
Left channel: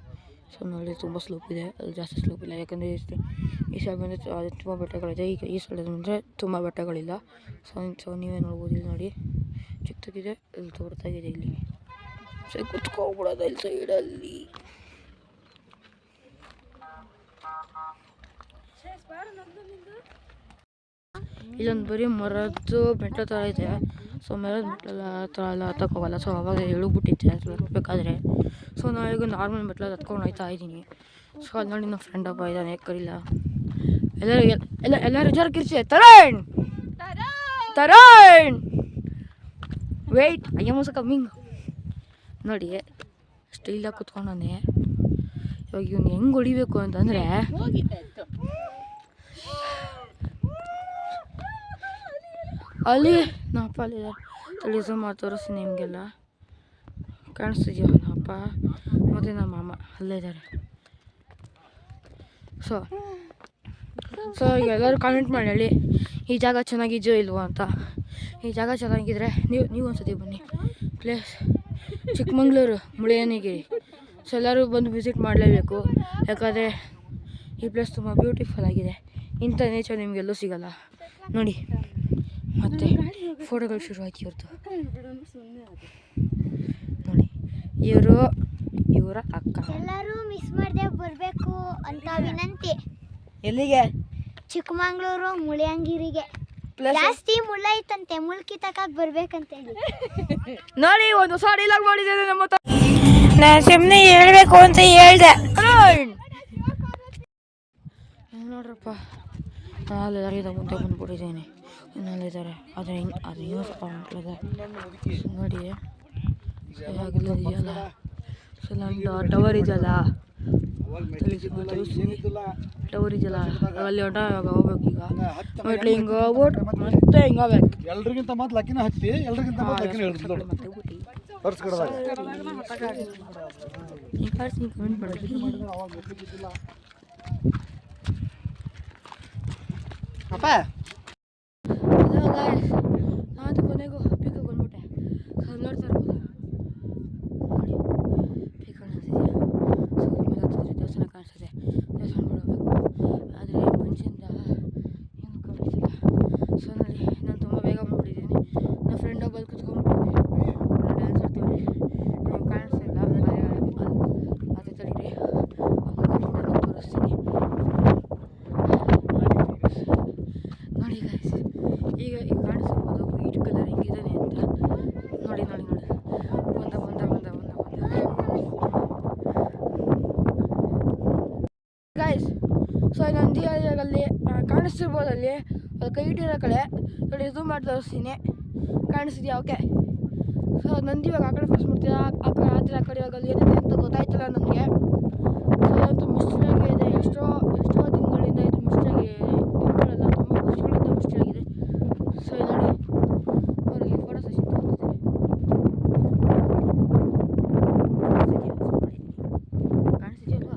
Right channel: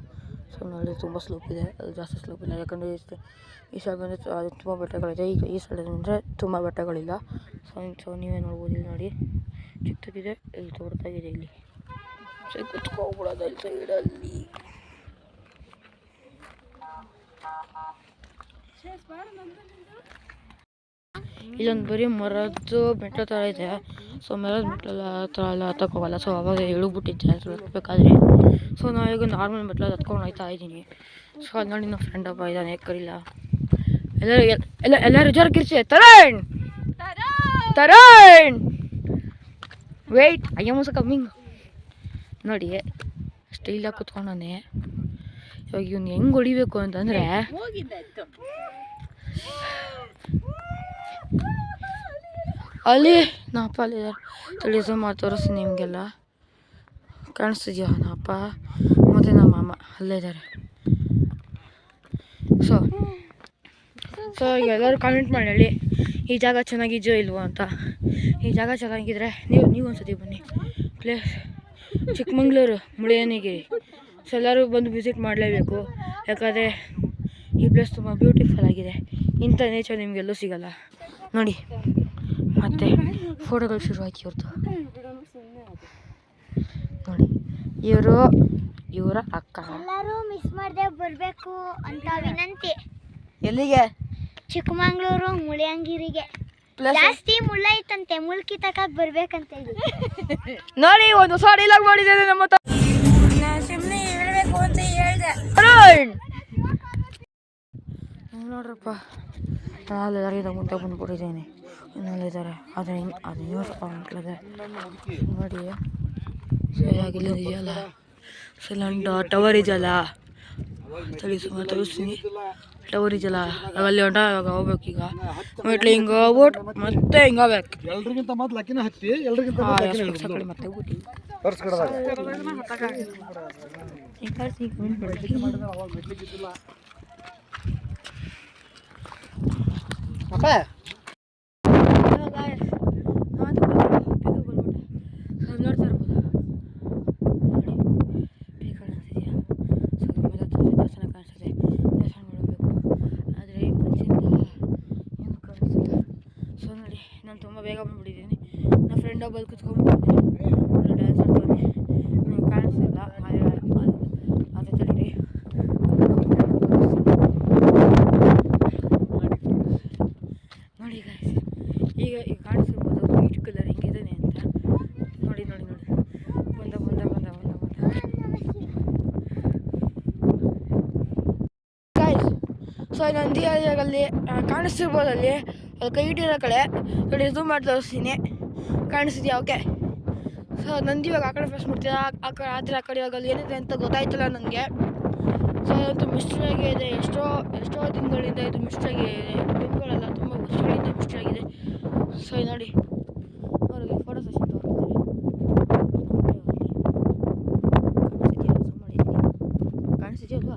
ಸೊ ನೋಡಿ ತುಂಬ ಸ್ಲೋಪ್ ಇದೆ, ಅಲ್ಲಿ ಜಾಸ್ತಿ ಸ್ಲೋಪ್ ಇಲ್ಲ. ಯಾಕಂದರೆ ಈ ಸೈಡ್ ಬಂದರೆ ಅದು ತುಂಬ ಬೆಟ್ಟಗಳಿದೆ, ಈಗ ಈ ಸೈಡ್ ಬಂದರೆ ತುಂಬ ಬೆಟ್ಟಗಳಿಲ್ಲ. ಸೊ ನೀವೇ ನೋಡ್ಬೋದು, ಇಲ್ಲಿ ನೋಡಿ ಚಿಕ್ಕದಾಗಿದೆ, ಇಲ್ಲಿ ದೊಡ್ಡದಾಗಿದೆ. ಇಲ್ಲಿ ಸೊ ಕುತ್ಕೊಬಿಡೋದು ಇಲ್ಲಿ ಸೈಡಲ್ಲಿ. ಇಲ್ಲೊಂದು ಬರೀ ಮರದ್ದು ಬೆಟ್ಟ ಥರ ಇದೆ. ಸೊ ಮರದ ಮೆಟ್ಲೆಲ್ಲ ಥರ ಎಲ್ಲ ಹತ್ತಕ್ಕೋಗಲ್ಲ. ಸೊ ಅವಾಗ ಇಳಿದ್ಬಿಟ್ಟಿದ್ದೆ ಅದು ಹತ್ಬೇಕಾದ್ರೆ. ಸೊ ನಾವೀಗ ನಾರ್ಮಲ್ ಮೆಟ್ಲಲ್ಲಿ ಹತ್ಕೊಂಡು ಹೋಗ್ತಾ ಇದ್ದೀನಿ. ಸೊ ಅಲ್ಲಿ ನೋಡಿ ನಮ್ಮ ಫ್ರೆಂಡ್ ಒಬ್ಬ ಇದ್ದಾನೆ, ಕರಿಲ್ಲ. ಎಲ್ಲರೂ ಜೋರ ಕಿರ್ಚಿ ತರಣ್ ವೆಯ್ಟ್ ಅಯ್ಯ ಮೋಸ ಕಮ್ಮಿಂಗ್ ನೋಡಿ ಸ್ಟೈಲಾಗಿ ಕುತ್ಕೊಂಡಾನೆ. ಇವಾಗ ಇವ್ನು ಹೆಂಗೆ ಹೊಡಿಬೇಕು ಅಂತಂದರೆ ಅಲ್ಲಿ ನಮ್ಮಪ್ಪ ಅಲ್ಲಿದ್ದಾರೆ. ತಡಿ ಝೂಮ್ ಮಾಡಿ ತೋರಿಸ್ತೀನಿ ನಿಮಗೆಲ್ಲ. ಕಾಣಿಸ್ತಿದ್ಯಾ ನಮ್ಮಪ್ಪ ಮತ್ತು ನಮ್ಮ ಮಾಮ ಅಲ್ಲೇ ಇದ್ದಾರೆ. ಸೊ ಈಗ ಎಲ್ಲರೂ ಕಾಮೆಂಟ್ ಮಾಡಿ ಹೇಳಿ ಈ ಜಾಗ ಚೆನ್ನಾಗಿದೆಯೋ ಇಲ್ವೋ ಅಂತ. ಈ ಜಾಗ ಚೆನ್ನಾಗಿದ್ರೆ ನೀವು ಒಂದ್ಸತಿ ಬನ್ನಿ. ಪ್ಲೇಸ್ ಚಿಕ್ಕಮಂಗ್ಳೂರು ಮುಳಿಯನಗಿರಿ. ಸೊ ಎಲ್ಲರೂ ಬಂದು ವಿಸಿಟ್ ಮಾಡಲೇಬೇಕು, ಯಾಕಂದರೆ ಈ ಪ್ಲೇಸ್ ತುಂಬ ಬ್ಯೂಟಿಫುಲ್ ಆಗಿದೆ. ಇಂಥ ನೇಚರ್ ನಿಮಗೆಲ್ಲೂ ಸಿಗಲ್ಲ ನೋಡಿ. ಮತ್ತು ಫೋಟೋಗಳು ಶುರುವಾಯ್ತು ಇವ್ರದ್ದು ನೋಡಿ. ಇವರ ಅಕ್ಕ. ಎಲ್ಲರೂ ಮಿಸ್ ಮಾಡದೆ ಬರಬೇಕು ಅಂತ ವಿನಂತಿ. ಎಲ್ಲಿಗೆ? ಚಿಕ್ಕಮಂಗ್ಳೂರು ಮುಳಿಯಂಗಿರಿಗೆ. ಜಾಸ್ತಿ ಮುಳ್ಳ ಐತಂತೆ, ಮುಳ್ಕಿ ತಕಾಕ್ ಬರ್ಬೇಕಂತ ನೋಡಿ. ಒಂದು ಹೊಸ ಡೈಲಾಗ್ ಮಾಡಿದ್ದೇನೆ ನಮ್ಮ ಸುಮ್ಮನೆ ಹೇಳ್ಬೇಕು ಅಂತ ಹೇಳ್ದೆ. ನೋಡ್ರಪ್ಪ, ನಾಳೆಲ್ಲರಿಗಿಂತ ಮುಂದೆ ಬಂದ್ಬಿಟ್ಟಿದ್ದೀನಿ. ಇನ್ನಲ್ಲಿದ್ದಾರೆ, ಆದರೆ ಇನ್ನೂ ಸ್ವಲ್ಪ ಮಕ್ಕಳಿದೆ ನೋಡಿ. ಆಗಿಲ್ಲದೆಯಲ್ಲ ಇಲ್ಲೊಂದು ಟವರ್ ಇದೆಯಲ್ಲ, ತೋರಿಸ್ತೀನಿ. ಟವರ್ ಇದೆಯಲ್ಲ ಅಲ್ಲಿ ಹೊಂಟ ಇವಾಗ ಹೋಗ್ಬೇಕು. ಈಗ ಮೆಟ್ಲು ಹಿಂಗೆ ಹೋಗ್ಬಿಟ್ಟು ಮತ್ತೆ ಹಿಂಗೆ ಹೋಗ್ಬೇಕು. ಎಲ್ರಿಗಿಂತ ಮೊದಲು ಅಕ್ಕಿನ ಹತ್ತಿ, ಎಲ್ರಿಗಿಂತ ಮತ್ತೆ ಗೊತ್ತಿಲ್ಲ. ನೋಡ್ತಾ ಇರ್ಬೋದಾ ನೋಡಿ, ಪೀಕ್ ಕಾಣಿಸ್ತಿದೆಯಾ? ಸೊ ಮೇಲೆ ದೇವಸ್ಥಾನ ಕಾಣಿಸ್ತದೆ, ದೇವಸ್ಥಾನ ಮಾಡಬೇಕು. ಆದರೆ ಮಂಜಿಂದ ಏನು ಕಾಣಿಸ್ತಿಲ್ಲ. ಸೊ ನೋಡಿ, ನಾನು ತುಂಬ ಬೇಗ ಬಂದ್ಬಿಟ್ಟಿದ್ದೀನಿ. ನನ್ನ ಫ್ರೆಂಡ್ ಒಬ್ಬಲ್ಲಿ ಕುತ್ಕೊಂಡ್ಬಿಟ್ಟಿದ್ದೀನಿ, ಡ್ಯಾನ್ಸ್ ಆಡ್ತಾನೆ. ನೀವು ಕಾಣಿಸ್ತಿಲ್ಲ, ಅದೇ ತಡೀರಿ ನೋಡಿ ಗೈಸ್. ಈಗ ಕಾಣಿಸ್ತಿರ್ಬೋದು ವೈಟ್ ಕಲರ್ ಹೆಂಗಿದ್ದಾನೆ ಅಂತ. ನೋಡಿ ನೋಡಿ ನೋಡಿ, ಬಂದ ಗೈಸ್. ಸೊ ನಂದಿ ಅಲ್ಲಿ ಕಾಣಿಸ್ತಿರ್ಬೋದು, ಅಲ್ಲಿ ಕೈ ಇಟ್ಟಿರೋ ಕಡೆ ನೋಡಿ. ಝೂಮ್ ಮಾಡಿ ತೋರಿಸ್ತೀನಿ, ಕಾಣಿಸ್ತಿದ್ಯಾ? ಓಕೆ. ಸೊ ನಂದಿ ಇವಾಗ ಆ ಕಡೆ ಫಸ್ಟ್ ಮಾಡ್ತೀರಾ, ಆ ಕಡೆ ಇವಾಗ ಅಲ್ಲಿ ಏನಿದೆ ಅಂತ ಗೊತ್ತಾಯ್ತಲ್ಲ ನನಗೆ. ಸೊ ಅದಂತೂ ಮಿಸ್ಟ್ರಿಯಾಗೇ ಇದೆ. ಎಷ್ಟೋ ದಿನಗಳಿಂದ ಇದು ಮಿಸ್ಟ್ರಿಯಾಗಿ ದಿನಗಳೆಲ್ಲ ತುಂಬ ವರ್ಷಗಳಿಂದ ಮಿಸ್ಟ್ರಿಯಾಗಿದೆ. ಸೊ ನೋಡಿ, ಅವರಲ್ಲಿ ಫೋಟೋ ಸೆಷನ್ ಕಾಣಿಸ್ತಿದೆಯಲ್ವಾ?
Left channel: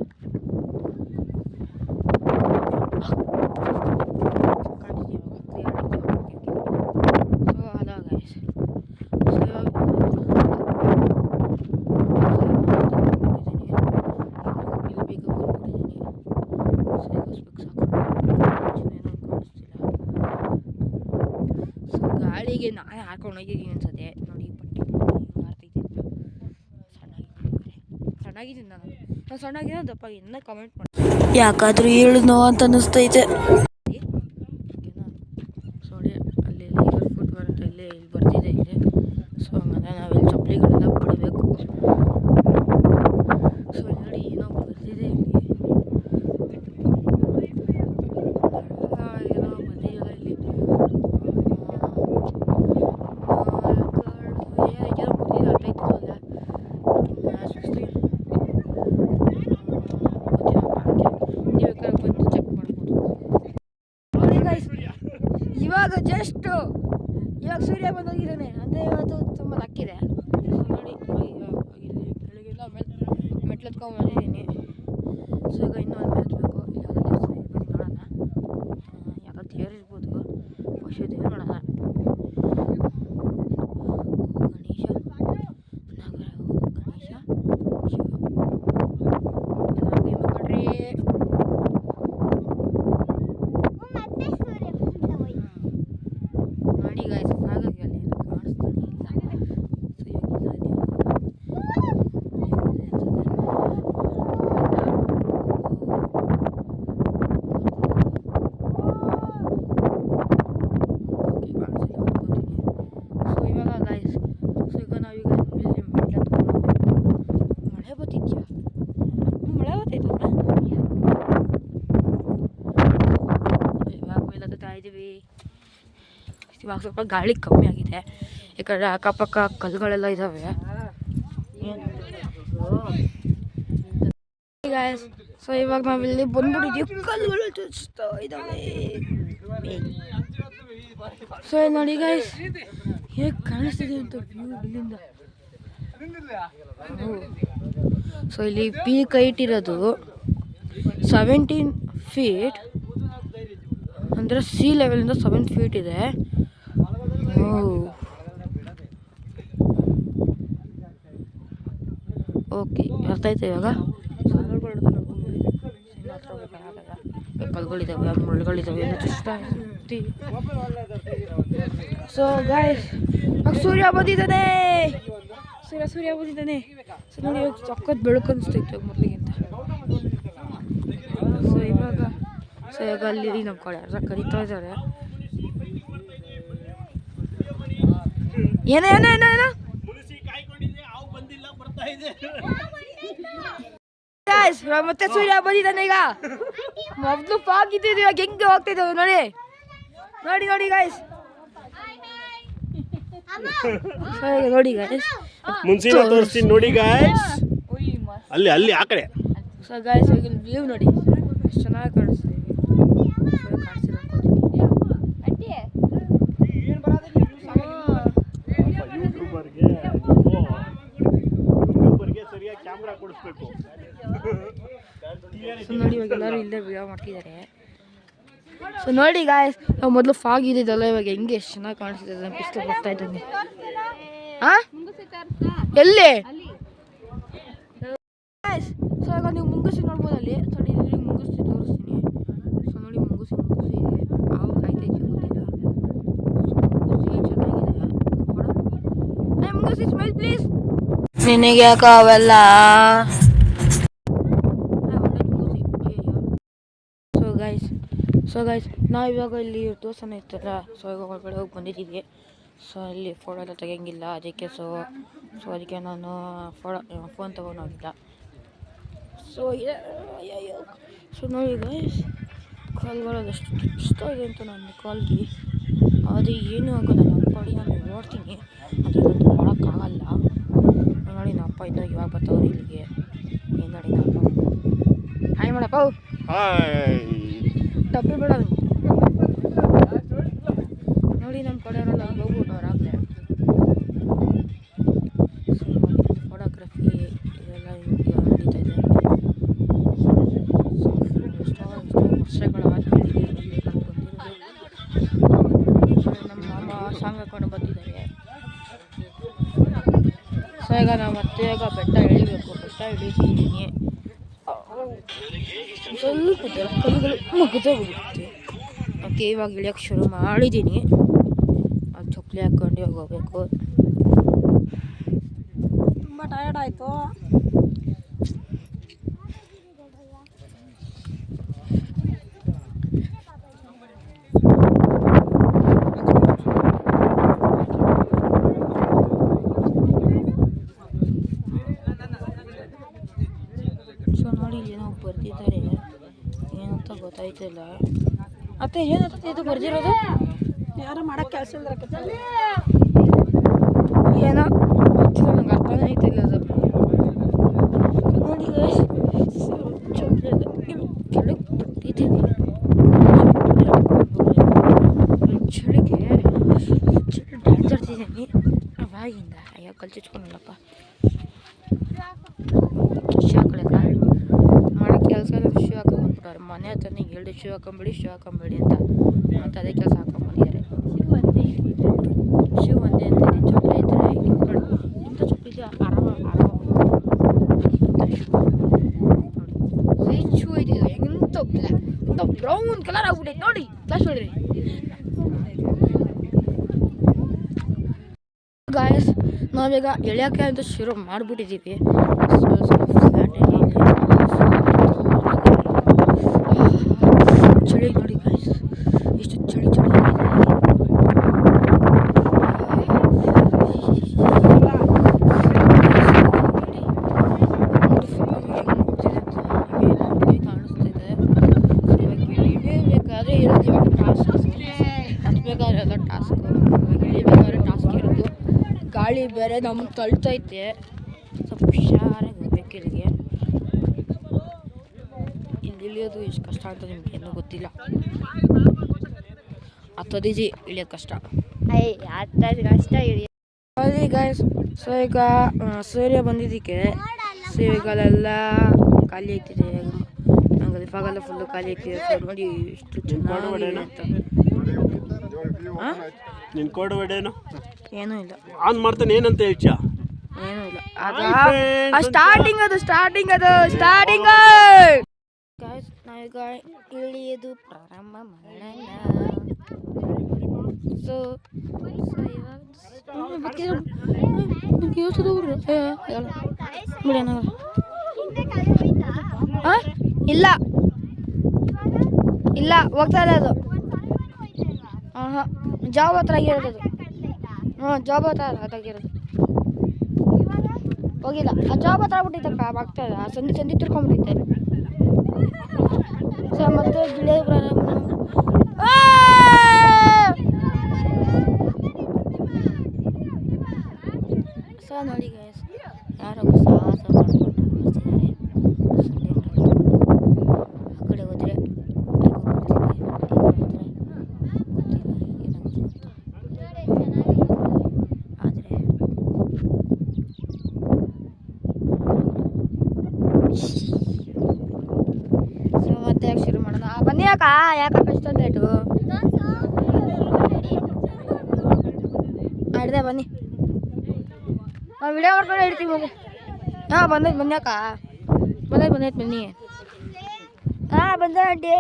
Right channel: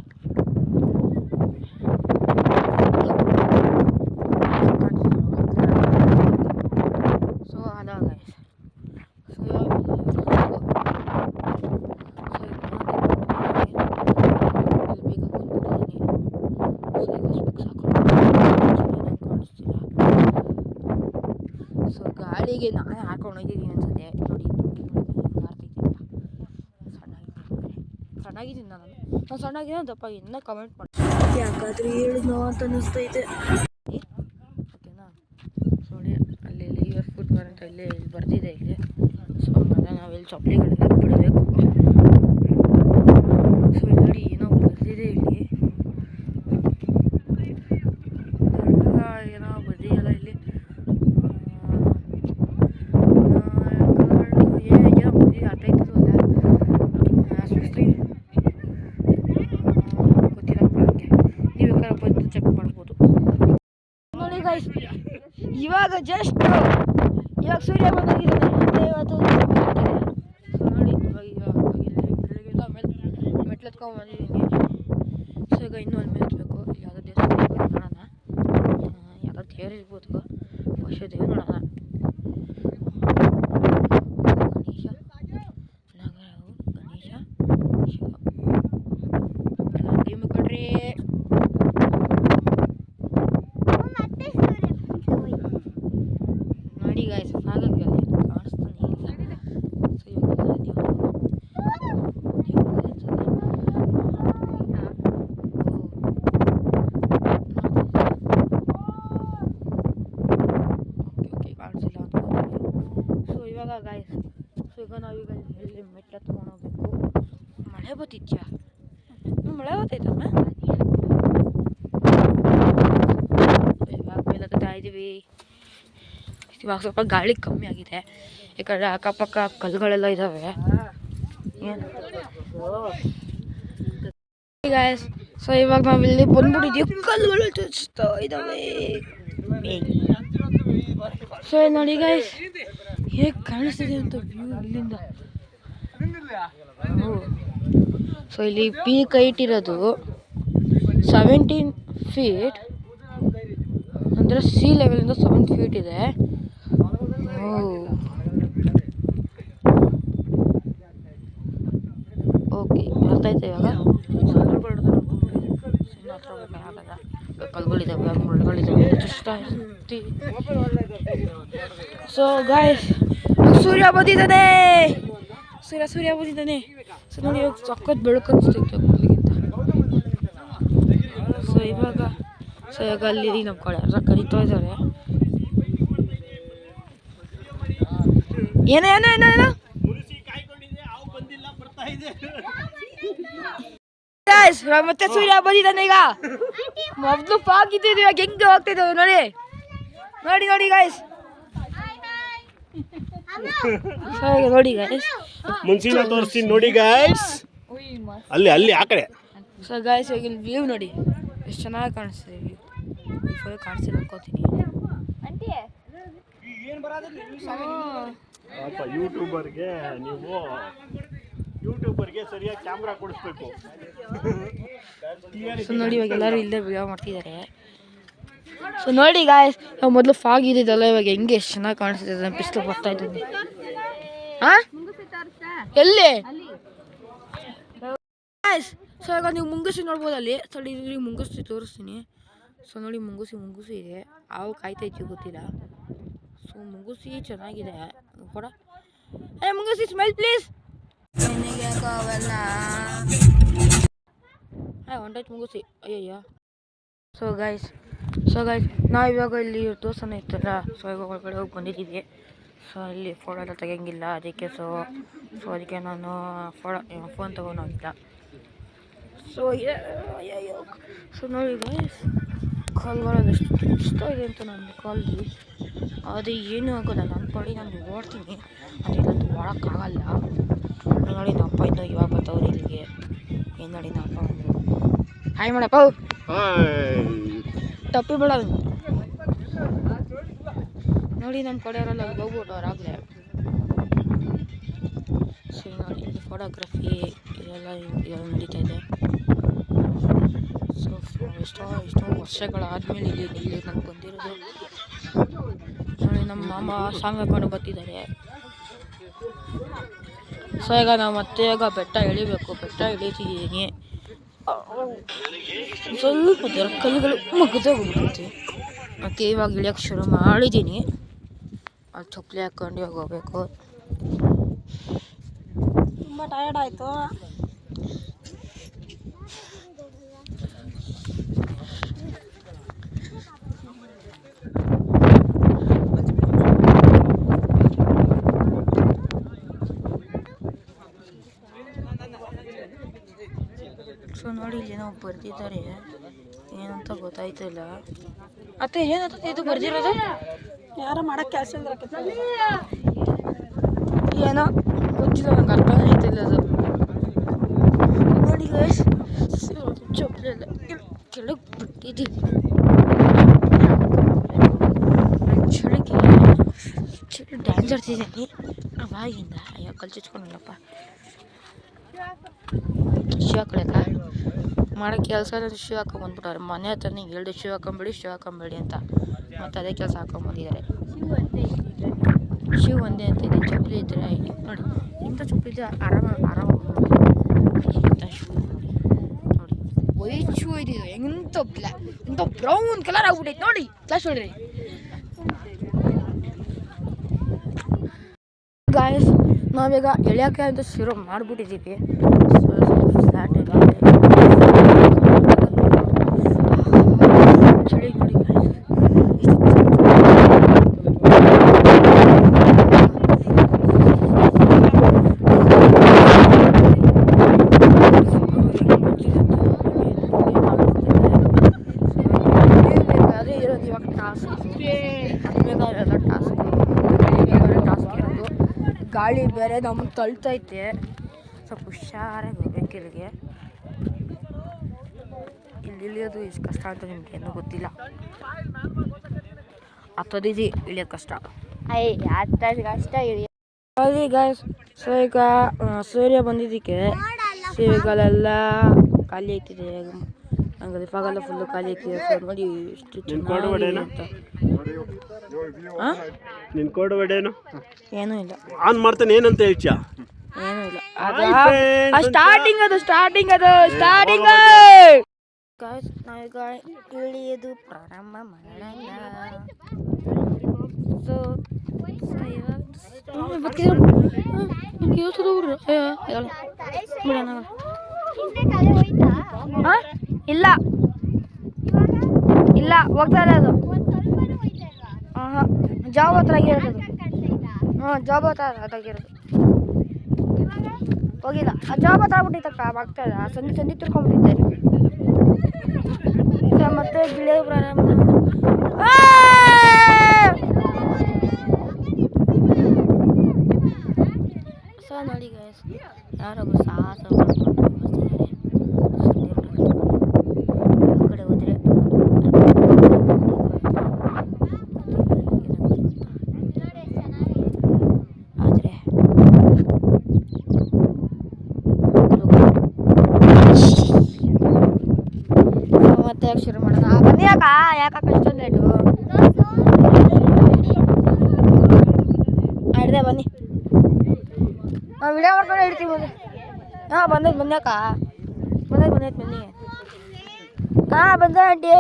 ಗಾಡಿಗೆ ನಾನೇ ಹಾಕೊಂಡು ಹೋಗಿದ್ದೀನಿ ಅನ್ಸುತ್ತೆ ನೋಡಿ. ಸಣ್ಣಾಗಿದ್ದೀನಿ ನಾನು ಸಣ್ಣಾಗಿರೋ ದಪ್ಪ ಇನ್ನ ಕಮೆಂಟ್ ಮಾಡಿ ಯಾಕಾದ್ರೂ ಹೇಳಿದ್ನೋ ಅಂತ ಅನ್ನಿಸ್ತೈತೆ. ನೋಡಿ ಅಲ್ಲಿ ಲಿವರ್ ಫುಡ್ ಅಂತ ಇಲ್ಲೇ ಇಲ್ಲಿ ಬರ್ತಿದೆ ಇಲ್ಲಿ. ಸೊ ಆಮೇಲೆ ನಾವಿಲ್ಲಿ ಚಪ್ಪಲಿಗಳೆಲ್ಲ ಬಿಡಬೇಕು. ಸೊ ನೋಡಿ ಏನೋ ಬರ್ತಿದೆ ಇಲ್ಲಿ, ಏನೋ ಬಂದಿದೆಯಲ್ಲ ಇಲ್ಲಿ, ಏನೋ ಬರ್ತಿದೆ ಅರ್ಥ ಆಯ್ತಲ್ಲ. ನೀವು ಬಂದು ಚೆಕ್ ಮಾಡ್ಬೋದು. ನೋಡಿ ಗೈಸ್, ಇವಾಗ ಜಸ್ಟ್ ಇವಾಗ ಸೂರ್ಯ ಬಂದಾಗಿದ್ದಾನೆ. ಇವತ್ತು ನೋಡಿ ಬೆಳಗ್ಗೆಲ್ಲ ಮೆಟ್ಲತ್ಕೊಂಡು ಬಂದಿದ್ದೀನಿ. ಸೊ ಈಗ ಇನ್ನೂ ಅಲ್ಲಿ ಮೆತ್ಬೇಕು. ಯಾವುದೋ ದೇವಸ್ಥಾನ ನೋಡೋಣ, ಯಾವುದೋ ದೇವ್ರು ಇರ್ಬೋದು, ವರ್ಷ ದೇವ್ರು ನೋಡೋಣ. ನೋಡಿ ಗಾಯ್ಸ್, ಹಾಗಾಗಿ ಅಲ್ಲಿ ಕಾಣಿಸ್ತಾನೆ ಇಲ್ಲ. ಸೊ ಇವಾಗೆಲ್ಲ ಸೊ ಇವಾಗ ಗಾಯ್ಸ್, ಸೊ ಈಗ ನಾವೀಗ ಇಲ್ಲಿ ಮಳೆ ಬರ್ತಿದ್ಯಾ? ಮಳೆ ಬರ್ತೈತಲ್ಲ. ಇವಾಗ ಮೇಲೆ ಹತ್ತಾ ಇದ್ದೀವಿ. ಇವಾಗ ಸ್ವಲ್ಪ ಗಾಳಿ ಕಮ್ಮಿ ಆಗಿದೆ, ಯಾಕಂದರೆ ಅಕ್ಕಪಕ್ಕ ಕಲ್ಲುಗಳೆಲ್ಲ ಇದ್ದಾವೆ. ಗಾಯ್ಸ್, ಸೊ ಇವಾಗ ನಾವಿಲ್ಲಿ ಬಂದ್ಬಿಟ್ಟಿದ್ದೀವಿ, ಕಲ್ಲುಗಳು ಚುಚ್ತಾ ಇದ್ದಾವೆ. ಸೊ ನೋಡಿ ಗಾಯ್ಸ್, ಹೇಗೆ ಕಾಣಿಸ್ತಿದೆ ಅಂತ ವ್ಯೂ ಇಲ್ಲಿಂದ. ಸೊ ಇಲ್ಲಿ ಪೀಕ್ ಹೈಟ್ ಇರೋದು 17 feet, ಅಂದರೆ ಸಿ ಲೆವೆಲಿಂದ 7 feet ಇದೆ. ಓಕೆ, ಅರ್ಥ ಆಯ್ತು ಇವಾಗ. ಕಲ್ಗಳಿದ್ದಾವೆ, ಮುಳ್ಳುಗಳಿದ್ದಾವೆ, ಸೊ ಗಾಯ್ಸ್, ಸೂರ್ಯ ಬಂದಿದ್ದಾನೆ. ಸೂರ್ಯ ಬಂದಿದ್ದಾನೆ. ಸೊ ನೋಡಿ ಇವಾಗ ಸಖತ್ ಬೆಳಕು ಅನಿಸ್ತೈತೆ ಮೊದಲಿಗಿಂತ. ಸೊ ಇವಾಗ ಅಲ್ಲಿ ನಮ್ಮ ಕಡೆ ಯಾರು ಕರಿತಾ ಇದ್ದಾರೆ. ಏನೋ ಮತ್ತೆ ಸೂರ್ಯ ಬಂದಿದ್ದಾನೆ. ಈಗ ಮೊದಲು ಫಾಗ್ ಇದ್ದಿದ್ದು, ಇವಾಗ ಹೆಂಗೆ ಹೋಗ್ತಿದ್ದಾವೆ ನೋಡಿ ಗಾಯ್ಸ್. ನೋಡಿ ಗಾಯ್ಸ್, ಮುಂಚಿನ ತೋರಿಸ್ತೀನಿ ನೋಡಿ ಗಾಯ್ಸ್. ಅಲ್ಲಿ ಆ ಕಡೆ. ಸೊ ಗಾಯ್ಸ್, ಇವಾಗ ಇಲ್ಲಿ ವ್ಯೂ ನೋಡಿ ಎಷ್ಟು ಚೆನ್ನಾಗಿ ಕಾಣಿಸ್ತಿದೆ. ಕಾಣಿಸ್ತಿದೆ ಅನ್ಕೋತೀನಿ. ಯೂಟ್ಯೂಬರ್ಗೆ ಸರಿಯಾಗಿ ಕ್ಯಾಮ್ರಾ ಕೊಡಿಸ್ಬೇಕು. ಸೊ ನೋಡಿ ಇವಾಗ ಎಲ್ಲರೂ ಇಲ್ಲದೆ ವಿಡಿಯೋ ಮಾಡ್ತಿದ್ದಾರೆ. ಸೊ ನೋಡಿ ಗಾಯ್ಸ್, ಮೊದಲು ಫಾಗ್ ಇದ್ದಿದ್ದಲ್ಲ, ಇವಾಗ ಹೆಂಗೆ ಎಷ್ಟು ಚೆನ್ನಾಗಿ ಕಾಣಿಸ್ತಿದೆ. ನಾನು ಬಿಸಿಲು ಬರ್ತಾ ಇದ್ದೀನಿ. ಎಲ್ಲಿ ಗಾಯ್ಸ್? ಸೊ ಇವಾಗ ನೀವು ಮುಂಗುಸಿ ನೋಡ್ಬೋದು ಅಲ್ಲಿ. ಸರಿ ಮುಂಗುಸಿ ತೋರಿಸ್ತೀನಿ. ಸೊ ನೋಡಿ ಮುಂಗುಸಿ ಇದೆ. ನಾವು ಕಾಯ್ತಾ ಇದ್ದೀವಿ, ಗೊತ್ತಿಲ್ಲ. ಸೊ ಮುಂಗುಸಿ ಚೆನ್ನಾಗಿದೆ. ಮುಂಗುಸಿ ಸ್ಮೈಲ್ ಪ್ಲೀಸ್. ನಿನಗೆ ಯಾಕ ಅವೆಲ್ಲ ಮುಂಗುಸಿ? ಅಯ್ಯಯ್ಯ. ಸೊ ಗೈಸ್ ನಾವು ಇವಾಗ ಇಲ್ಲಿ ದೋಸನ ಇರ್ತಲ್ಲ, ಸೊ ಇವಾಗ ಒಳಗಡೆ ಹೋಗಿ ಬಂದಿದ್ದೀವಿ. ಸೊ ಇಲ್ಲಿ ಫೋಟೋ ಎಲ್ಲ ತೆಗಿಯಂಗಿಲ್ಲ, ಅದಕ್ಕೆ ಅದಕ್ಕೆ ನಾನು ಫೋನ್ ತೊಗೊಂಡೋಗಿಲ್ಲ. ಸೊ ನೋಡಿ ಗೈಸ್, ಕಾಲ್ಗಳದಷ್ಟು ಚುಚ್ತಾ ಇದೆ ಅಂತ ನನ್ನ ಕಾಲ್ಗೆ. ಅದು ಏನೂ ಆಗೋಲ್ಲ, ನನ್ನ ಪಾಡಿ ನಾನು ಓಡ್ತೀನಿ. ಅದೆಲ್ಲ ಮಾಡೋಕ್ಕಾಗಲ್ಲ. ನೋಡಿ ನಮ್ಮ ಅಪ್ಪ ಇನ್ನು ಇವಾಗ ಬರ್ತಾವ್ರಿ ಇಲ್ಲಿಗೆ. ಏನು ನೋಡಿ ನಮ್ಮ ಅಪ್ಪ ಹಾಯ್ ಮಾಡಪ್ಪ. ಟಪ್ಪಿ ಬೇಡ ನೋಡಿ, ನಮ್ಮ ಕಡೆಯವರೆಲ್ಲ ಹೋಗ್ಬಿಟ್ಟು ಅವ್ರಾಗಲೇ. ಸೊ ನೋಡಿ ಇಲ್ಲಿ ಫೋಟೋಗ್ರಫಿ ಇದೆಲ್ಲ ನಡೀತಾ ಇದೆ. ಸೊ ಎಷ್ಟೋ ವರ್ಷಗಳಾದಮೇಲೆ ಇಲ್ಲಿ ನಾನು ಬಂದಿರೋದು. ನಮ್ಮ ಮಾಮ ಸಾಂಗ್ ಹಾಕೊಂಡು ಬರ್ತಿದ್ದಾರೆ. ಸೊ ಈಗ ನಾವು ಮತ್ತೆ ಬೆಟ್ಟ ಇಳಿತಿದ್ದೀನಿ. ಸ್ವಲ್ಪ ಕಲ್ಲುಗಳು ಮುಗಿದೋಗ್ಬಿಡುತ್ತೆ. ಮತ್ತು ಇವಾಗ ಇಳಿಯೋಕ್ಕೆ ಶುರು ಮಾಡಿದ್ದೀನಿ. ಅದು ಚಪ್ಪಲಿ ಹಾಕ್ಕೊಂಡು ಇವಾಗ ಹೋಗ್ಬೇಕು. ತುಂಬ ಟಯರ್ಡ್ ಆಯಿತು. ಸೊ ನೋಡಿ ಇಲ್ಲಿ ಏನೋ ಬರ್ದಿದ್ದಾರೆ, ಏನಂತ ಗೊತ್ತಾಯ್ತಿಲ್ಲ. ಮತ್ತೆ ಏನಂತ ಇದು ಬರ್ದಿರೋದು? ಯಾರೋ ಮಾಡೋಕ್ಕೆ ಕೆಲಸ ಇಲ್ದಿರ ಏನೋ ಗೊತ್ತಿಲ್ಲ, ನಂಗೆ ಅರ್ಥ ಆಯ್ತಿಲ್ಲ ಅದು. ನೋಡಿ ಚಪ್ಪಲೆಲ್ಲ ಕೆಳಗೆ ಬಿಟ್ಟಿದ್ದೀವಿ. ಚಳಿಗೆ ಡ್ಯಾನ್ಸ್ ಆಡ್ತಿದ್ದೀನಿ ಅವಾಗಿಂದ. ಅಯ್ಯೋ ಕಲ್ಚಿಟ್ಕೊಂಡಲ್ಲಪ್ಪ. ಶೂ ಹಾಕೊಳಕ ಮಾಡೋ ಕೆಲಸ ಎಲ್ಲ ಶೂ ಹಾಕೊಂಬಂದ್ಬಿಟ್ಟವ್ರೆ. ಮನೆ ಹತ್ರನೇ ಹೇಳ್ದೆ ಶೂ ಹಾಕೊಂಬೇಡಿ ಅಂತ. ಮತ್ತು ಅದೇ ಕೆಲಸ ಹಾಕೊಂಬಂದಿದ್ದಾರೆ. ಶೂ ಒಂದೇ ಅಂತ ಇದೆ, ಚಪ್ಪಲಿ ಇದ್ದರೆ ನೋಡಿ ಇಂಥ ಚಪ್ಪಲಿ ಇದ್ದರೆ ಆರಾಮ ಇಂಥ ಶೂ ನೋಡಿ. ವೈಟ್ ಶೂ ಇದೆ, ಎಂಥ ಬ್ರೌನ್ ಕಲರ್ ಆಗ್ಬಿಟ್ಟೈತೆ ನೋಡಿ. ಕ್ಲಾಸ್ ನೋಡ್ರಿ ಗಾಯಸ್, ನಾವೀಗ ಎಳೆಯೋಕ್ಕೆ ಅಂತ ಶುರು ಮಾಡಿಬಿಟ್ಟಿದ್ದೀವಿ. ಚಳಿ ನೋಡಿ ಗಾಯಸ್, ಎಷ್ಟು ಚಳಿ ಟಾಸ್ಕ್ ಇರೋದು. ಗಾಳಿ ಬೇರೆ ನಮ್ಮನ್ನು ತಳ್ತೈತೆ, ಸ್ವಲ್ಪ ಹುಷಾರಾಗಿ ಹೋಗ್ಬೇಕು ಇಲ್ಲಿಗೆ. ಇಲ್ಲಿ ಇಳಿಯೋದು ಎಷ್ಟು ಕಷ್ಟ ಅಂತ ನಿಮ್ಗೆ ಏನೂ ಗೊತ್ತಿಲ್ಲ. ಹತ್ತೋದಿಜಿ ಇಳಿಯೋದು ಕಷ್ಟ. ಕಷ್ಟ ಇಳಿ. ಸರಿ ಗಾಯ್ಸ್, ಸೊ ಈಗ ಸೂರ್ಯ ಬಂದಿದ್ದಕ್ಕೆ ಸೇವೆಗಳೆಲ್ಲ ಖಾಲಿ ಆಗ್ತಿದೆ. ನಂಗೆ ಇವಾಗೆಲ್ಲ ಫುಲ್ಲು ಖಾಲಿ ಆಗ್ತಿದೆ. ಸೊ ನೋಡಿ ಎಷ್ಟು ಚೆನ್ನಾಗಿದೆ ಅಂತ. ನಿನ್ ಕೋಡ್ ವರ್ಡೇನು? ಏನೂ ಇಲ್ಲ. ಆನ್ ಮಾಡ್ತಾನೆ ಏನಂತ ಹೇಳ್ಚಾ? ಏನೂ ಇಲ್ಲ. ಅದು ಸ್ಟಾರ್ಟಿಂಗ್ ಗಾಯ್ಸ್, ನಾವೀಗ ಇಳಿಯೋದು ಪ್ರಾರಂಭ ಮಾಡೋಣ. ಸೊ ಇಲ್ಲ ಹೋಗ್ತಾ ಇಲ್ಲ ಅದು. ಹಾಂ ಜಾಬ್ ಹತ್ರ ಆಗಿರೋದು ಅದು. ಜಾಬ್ ಹತ್ರ ಅದಾಗಿರೋದು ಹೋಗಿಲ್ಲ. ಆ ಜಾಬ್ ಹತ್ರ ಆಗ್ಬಿಟ್ಟಿತ್ತಪ್ಪ, ಆಗ್ತಾ ಇಲ್ಲ. ಸಂಧಿ ತಿರ್ಕೊಂಡ್ಬಿಟ್ಟಿದ್ದಾರೆ. ಸೊ ಮತ್ತೆ ಗಿಳಿಯೋದು ಪ್ರಾರಂಭ. ಸೊ ನೋಡಿ ಗೈಸ್, ಯಾರೋ ಸಾಹಸ ಮಾಡ್ಕೊಂಡು ಆ ಕಡೆ ಹೋದ್ರೆ ಆದರೆ ಮತ್ತೆ ಶುರು ಮಾಡೋಣ. ಬನ್ನಿ ಯಾಕೆ ಅಷ್ಟೊಂದು ಲೇಟು? ಹಿಡ್ದೆ ಬನ್ನಿ, ನಾವು ವಿಡಿಯೋ ಮಾಡ್ಕೊಂಡು ಹೇಳ್ತೀವಿ. ಬಂದೈತೆ ಬನ್ಯಾಕ ಬಂದೈತೆ ಬನ್ನಿ. ಬಂದ ಆಂಟಿ.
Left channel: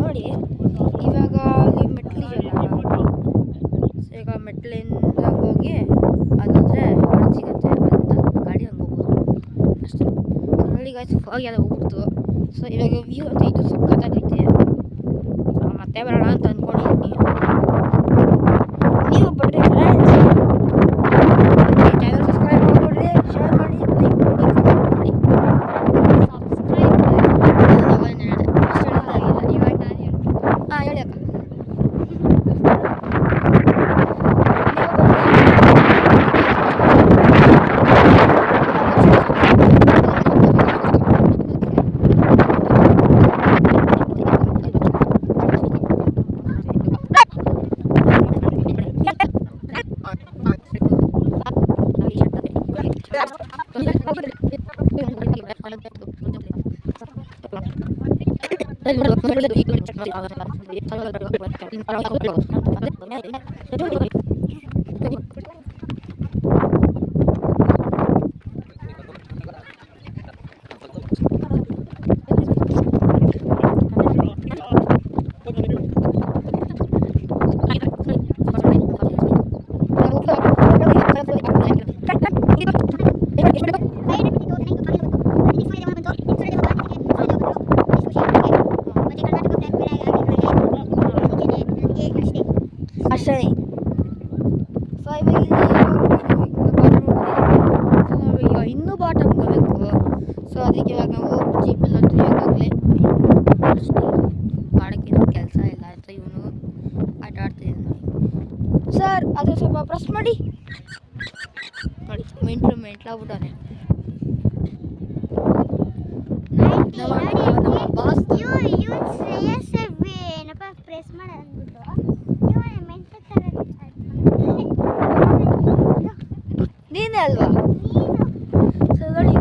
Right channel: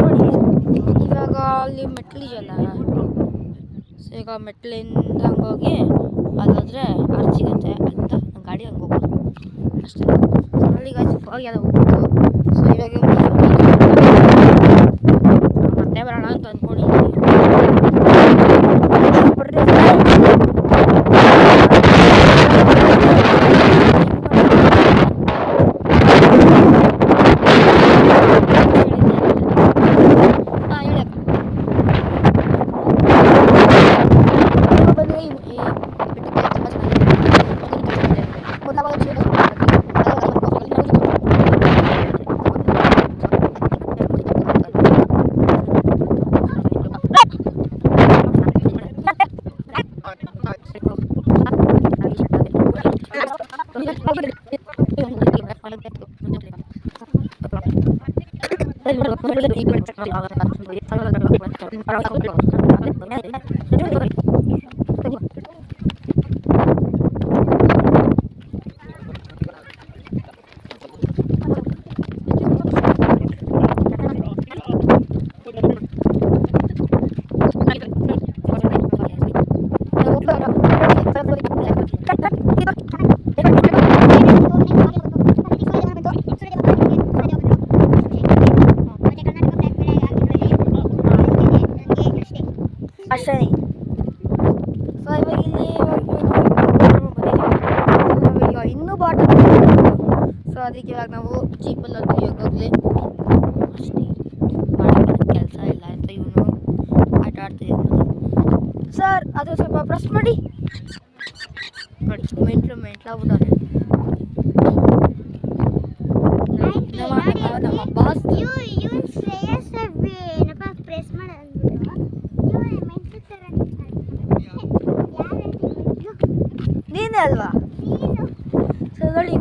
ನೋಡಿ ಇವಾಗ ಅಲ್ಲಿ ಮೆಟ್ಲಿದೆಯಲ್ಲ, ಸೊ ಈಗ ಮೆಟ್ಲಿಂದ ಹಂಗೋಗಿ ಅದಾದರೆ ಸಿಗತ್ತೆ ಅಂತ ಗಾಡಿ ಹಂಗೆ ಹೋಗೋದು ಅಷ್ಟೇ. ನೋಡಿ ಹೋಗಿ ಎಲ್ಲ ಹೋಗ್ಬೋದು. ಸೊ ಇವಾಗ ಮತ್ತೆ ಬರೋಣ ಅಂತ ಅಂದ್ಕೊಂಡಿದ್ದೀನಿ. ಅಷ್ಟೇ. ಸೊ ಇವಾಗ ಇಲ್ಲಿ ಇನ್ನೂ ಬಾಟಲ್. ಸೊ ಅದಕ್ಕೆ ಇವಾಗ ನಾವು ಜೀಪಲ್ಲಿ ಹೋಗ್ತೀವಿ ಈಗಾಗಲೇ. ಮಾಡೋಕ್ಕೆ ಕೆಲಸ ಇಲ್ಲ ಅಂತ ಇವನು ಆಟ ಆಡ್ತಿದ್ದಾನೆ. ಸರ್ ಅದು ಸ್ವಲ್ಪ ಪ್ರೆಸ್ ಮಾಡಿ ನೋಡಿ, ಮೆಂಟ್ಲಾಗ್ಬಿಟ್ಟಾರೆ ನಮ್ಮ ಬಾಸ್. ಏನಪ್ಪ ಪ್ರೆಸ್ ಮಾಡಿ ಅಂದ್ಬಿಟ್ಟು ನೀನೇ ಅಲ್ವಾ? ಸರಿ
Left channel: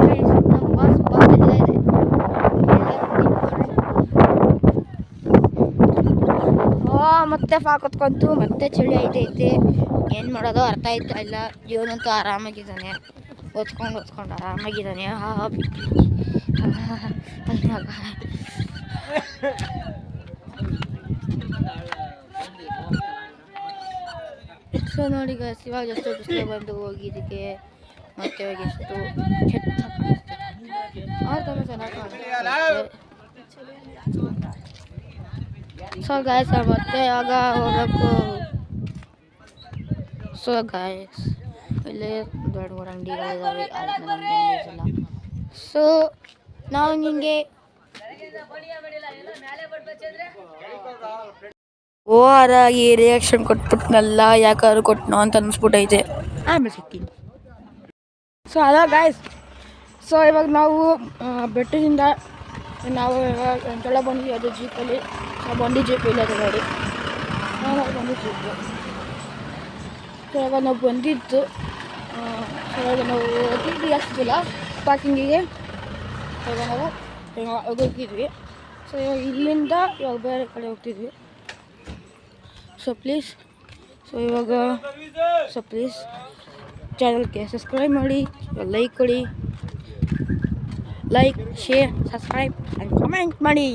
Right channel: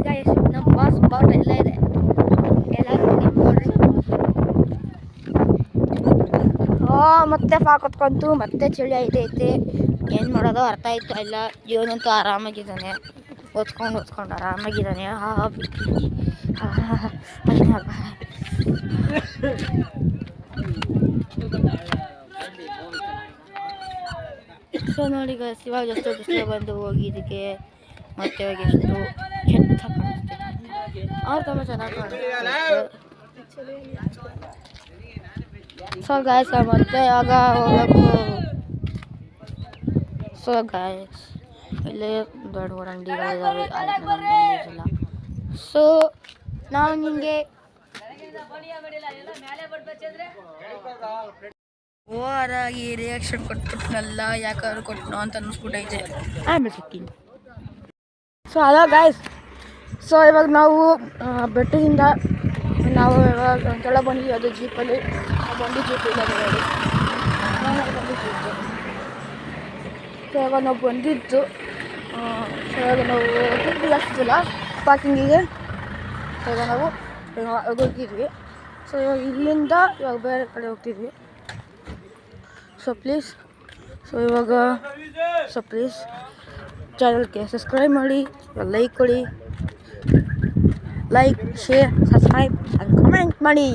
ನಮ್ಮ ಬಾಸ್ ಎಲ್ಲ ಇದೆ. ಮತ್ತೆ ಫಾಕೊತ್ಕೊಂತು ಮತ್ತೆ ಚಳಿ ಐತೈತೆ. ಏನು ಮಾಡೋದು ಅರ್ಥ ಆಯ್ತಾ ಇಲ್ಲ. ಜೀವನಂತೂ ಆರಾಮಾಗಿದ್ದಾನೆ, ಓದ್ಕೊಂಡು ಆರಾಮಾಗಿದ್ದಾನೆ. ಸೊ ನೋಡಿ ಗೈಸ್, ಇವಾಗ ಎಷ್ಟು ಬಿಸಿಲು ಬಂದು ಹೋಗಿದ್ದಕ್ಕೆ ಮತ್ತೆ ಇವಾಗ ಎಷ್ಟು ಕೆಟ್ಟ ಕಾಣಿಸ್ತಿದೆ. ಅವ್ರು ತುಂಬ ಚೆನ್ನಾಗಿ ಕಾಣಿಸ್ತಿತ್ತು. ಸೊ ಗಾಯ್ಸ್ ಮತ್ತೆ ಆಗ ಹೋಗ್ಬೇಕು. ಸೊ ಗಾಯ್ಸ್ ಇಲ್ಲಿ ದೊಡ್ಡ ದೊಡ್ಡ ಅಂಗಡಿಗಳಿದ್ದಾವೆ, ಅಲ್ಲಿ ನಮಗೆ ಇಲ್ಲ. ಸೊ ನಾವು ನಿಮಗೆ ಓರಾಗಿ ರಿಯಾಕ್ಷನ್ ಕೊಟ್ಬಿಟ್ನಲ್ಲ, ಯಾಕಾದ್ರು ಕೊಟ್ಟನೋ ಅಂತ ಅನಿಸ್ಬಿಟ್ಟೈತೆ. ಆಮೇಲೆ ಸಿಗ್ತೀನಿ. ಸೊ ಹಲೋ ಗಾಯ್ಸ್, ಸೊ ಇವಾಗ ನಾವು ಬೆಟ್ಟದಿಂದ ನಾವು ಇವಾಗ ಒಂದ್ಸಲ ಬಂದ್ವಿ. ಅದು ಜೀಪಲ್ಲಿ ಬಂದು ಜೀಪ್ ಇಲ್ಲ ನೋಡಿ, ಬಂದಿತ್ತು. ಸೊ ಇವಾಗ ನಾವು ಬಂದಿದ್ದು, ಸೊ ಇವಾಗ ನಾವು ದುಡ್ಡು ಹಾಕ್ತಿಲ್ಲ ಪಾರ್ಕಿಂಗಿಗೆ. ಸೊ ಇವಾಗ ನಾವು ಹೋಗಿದ್ವಿ. ಸೊ ಇವಾಗ ಇಲ್ಲಿಂದ ಇವಾಗ ಬೇರೆ ಕಡೆ ಹೋಗ್ತಿದ್ವಿ. ಸೊ ಪ್ಲೀಸ್ ಚಾನಲ್ಗೆ ಸಬ್ಸ್ಕ್ರೈಬ್ ಮಾಡಿ, ಲೈಕ್ ಕೊಡಿ, like, share, subscribe and comment ಮಾಡಿ.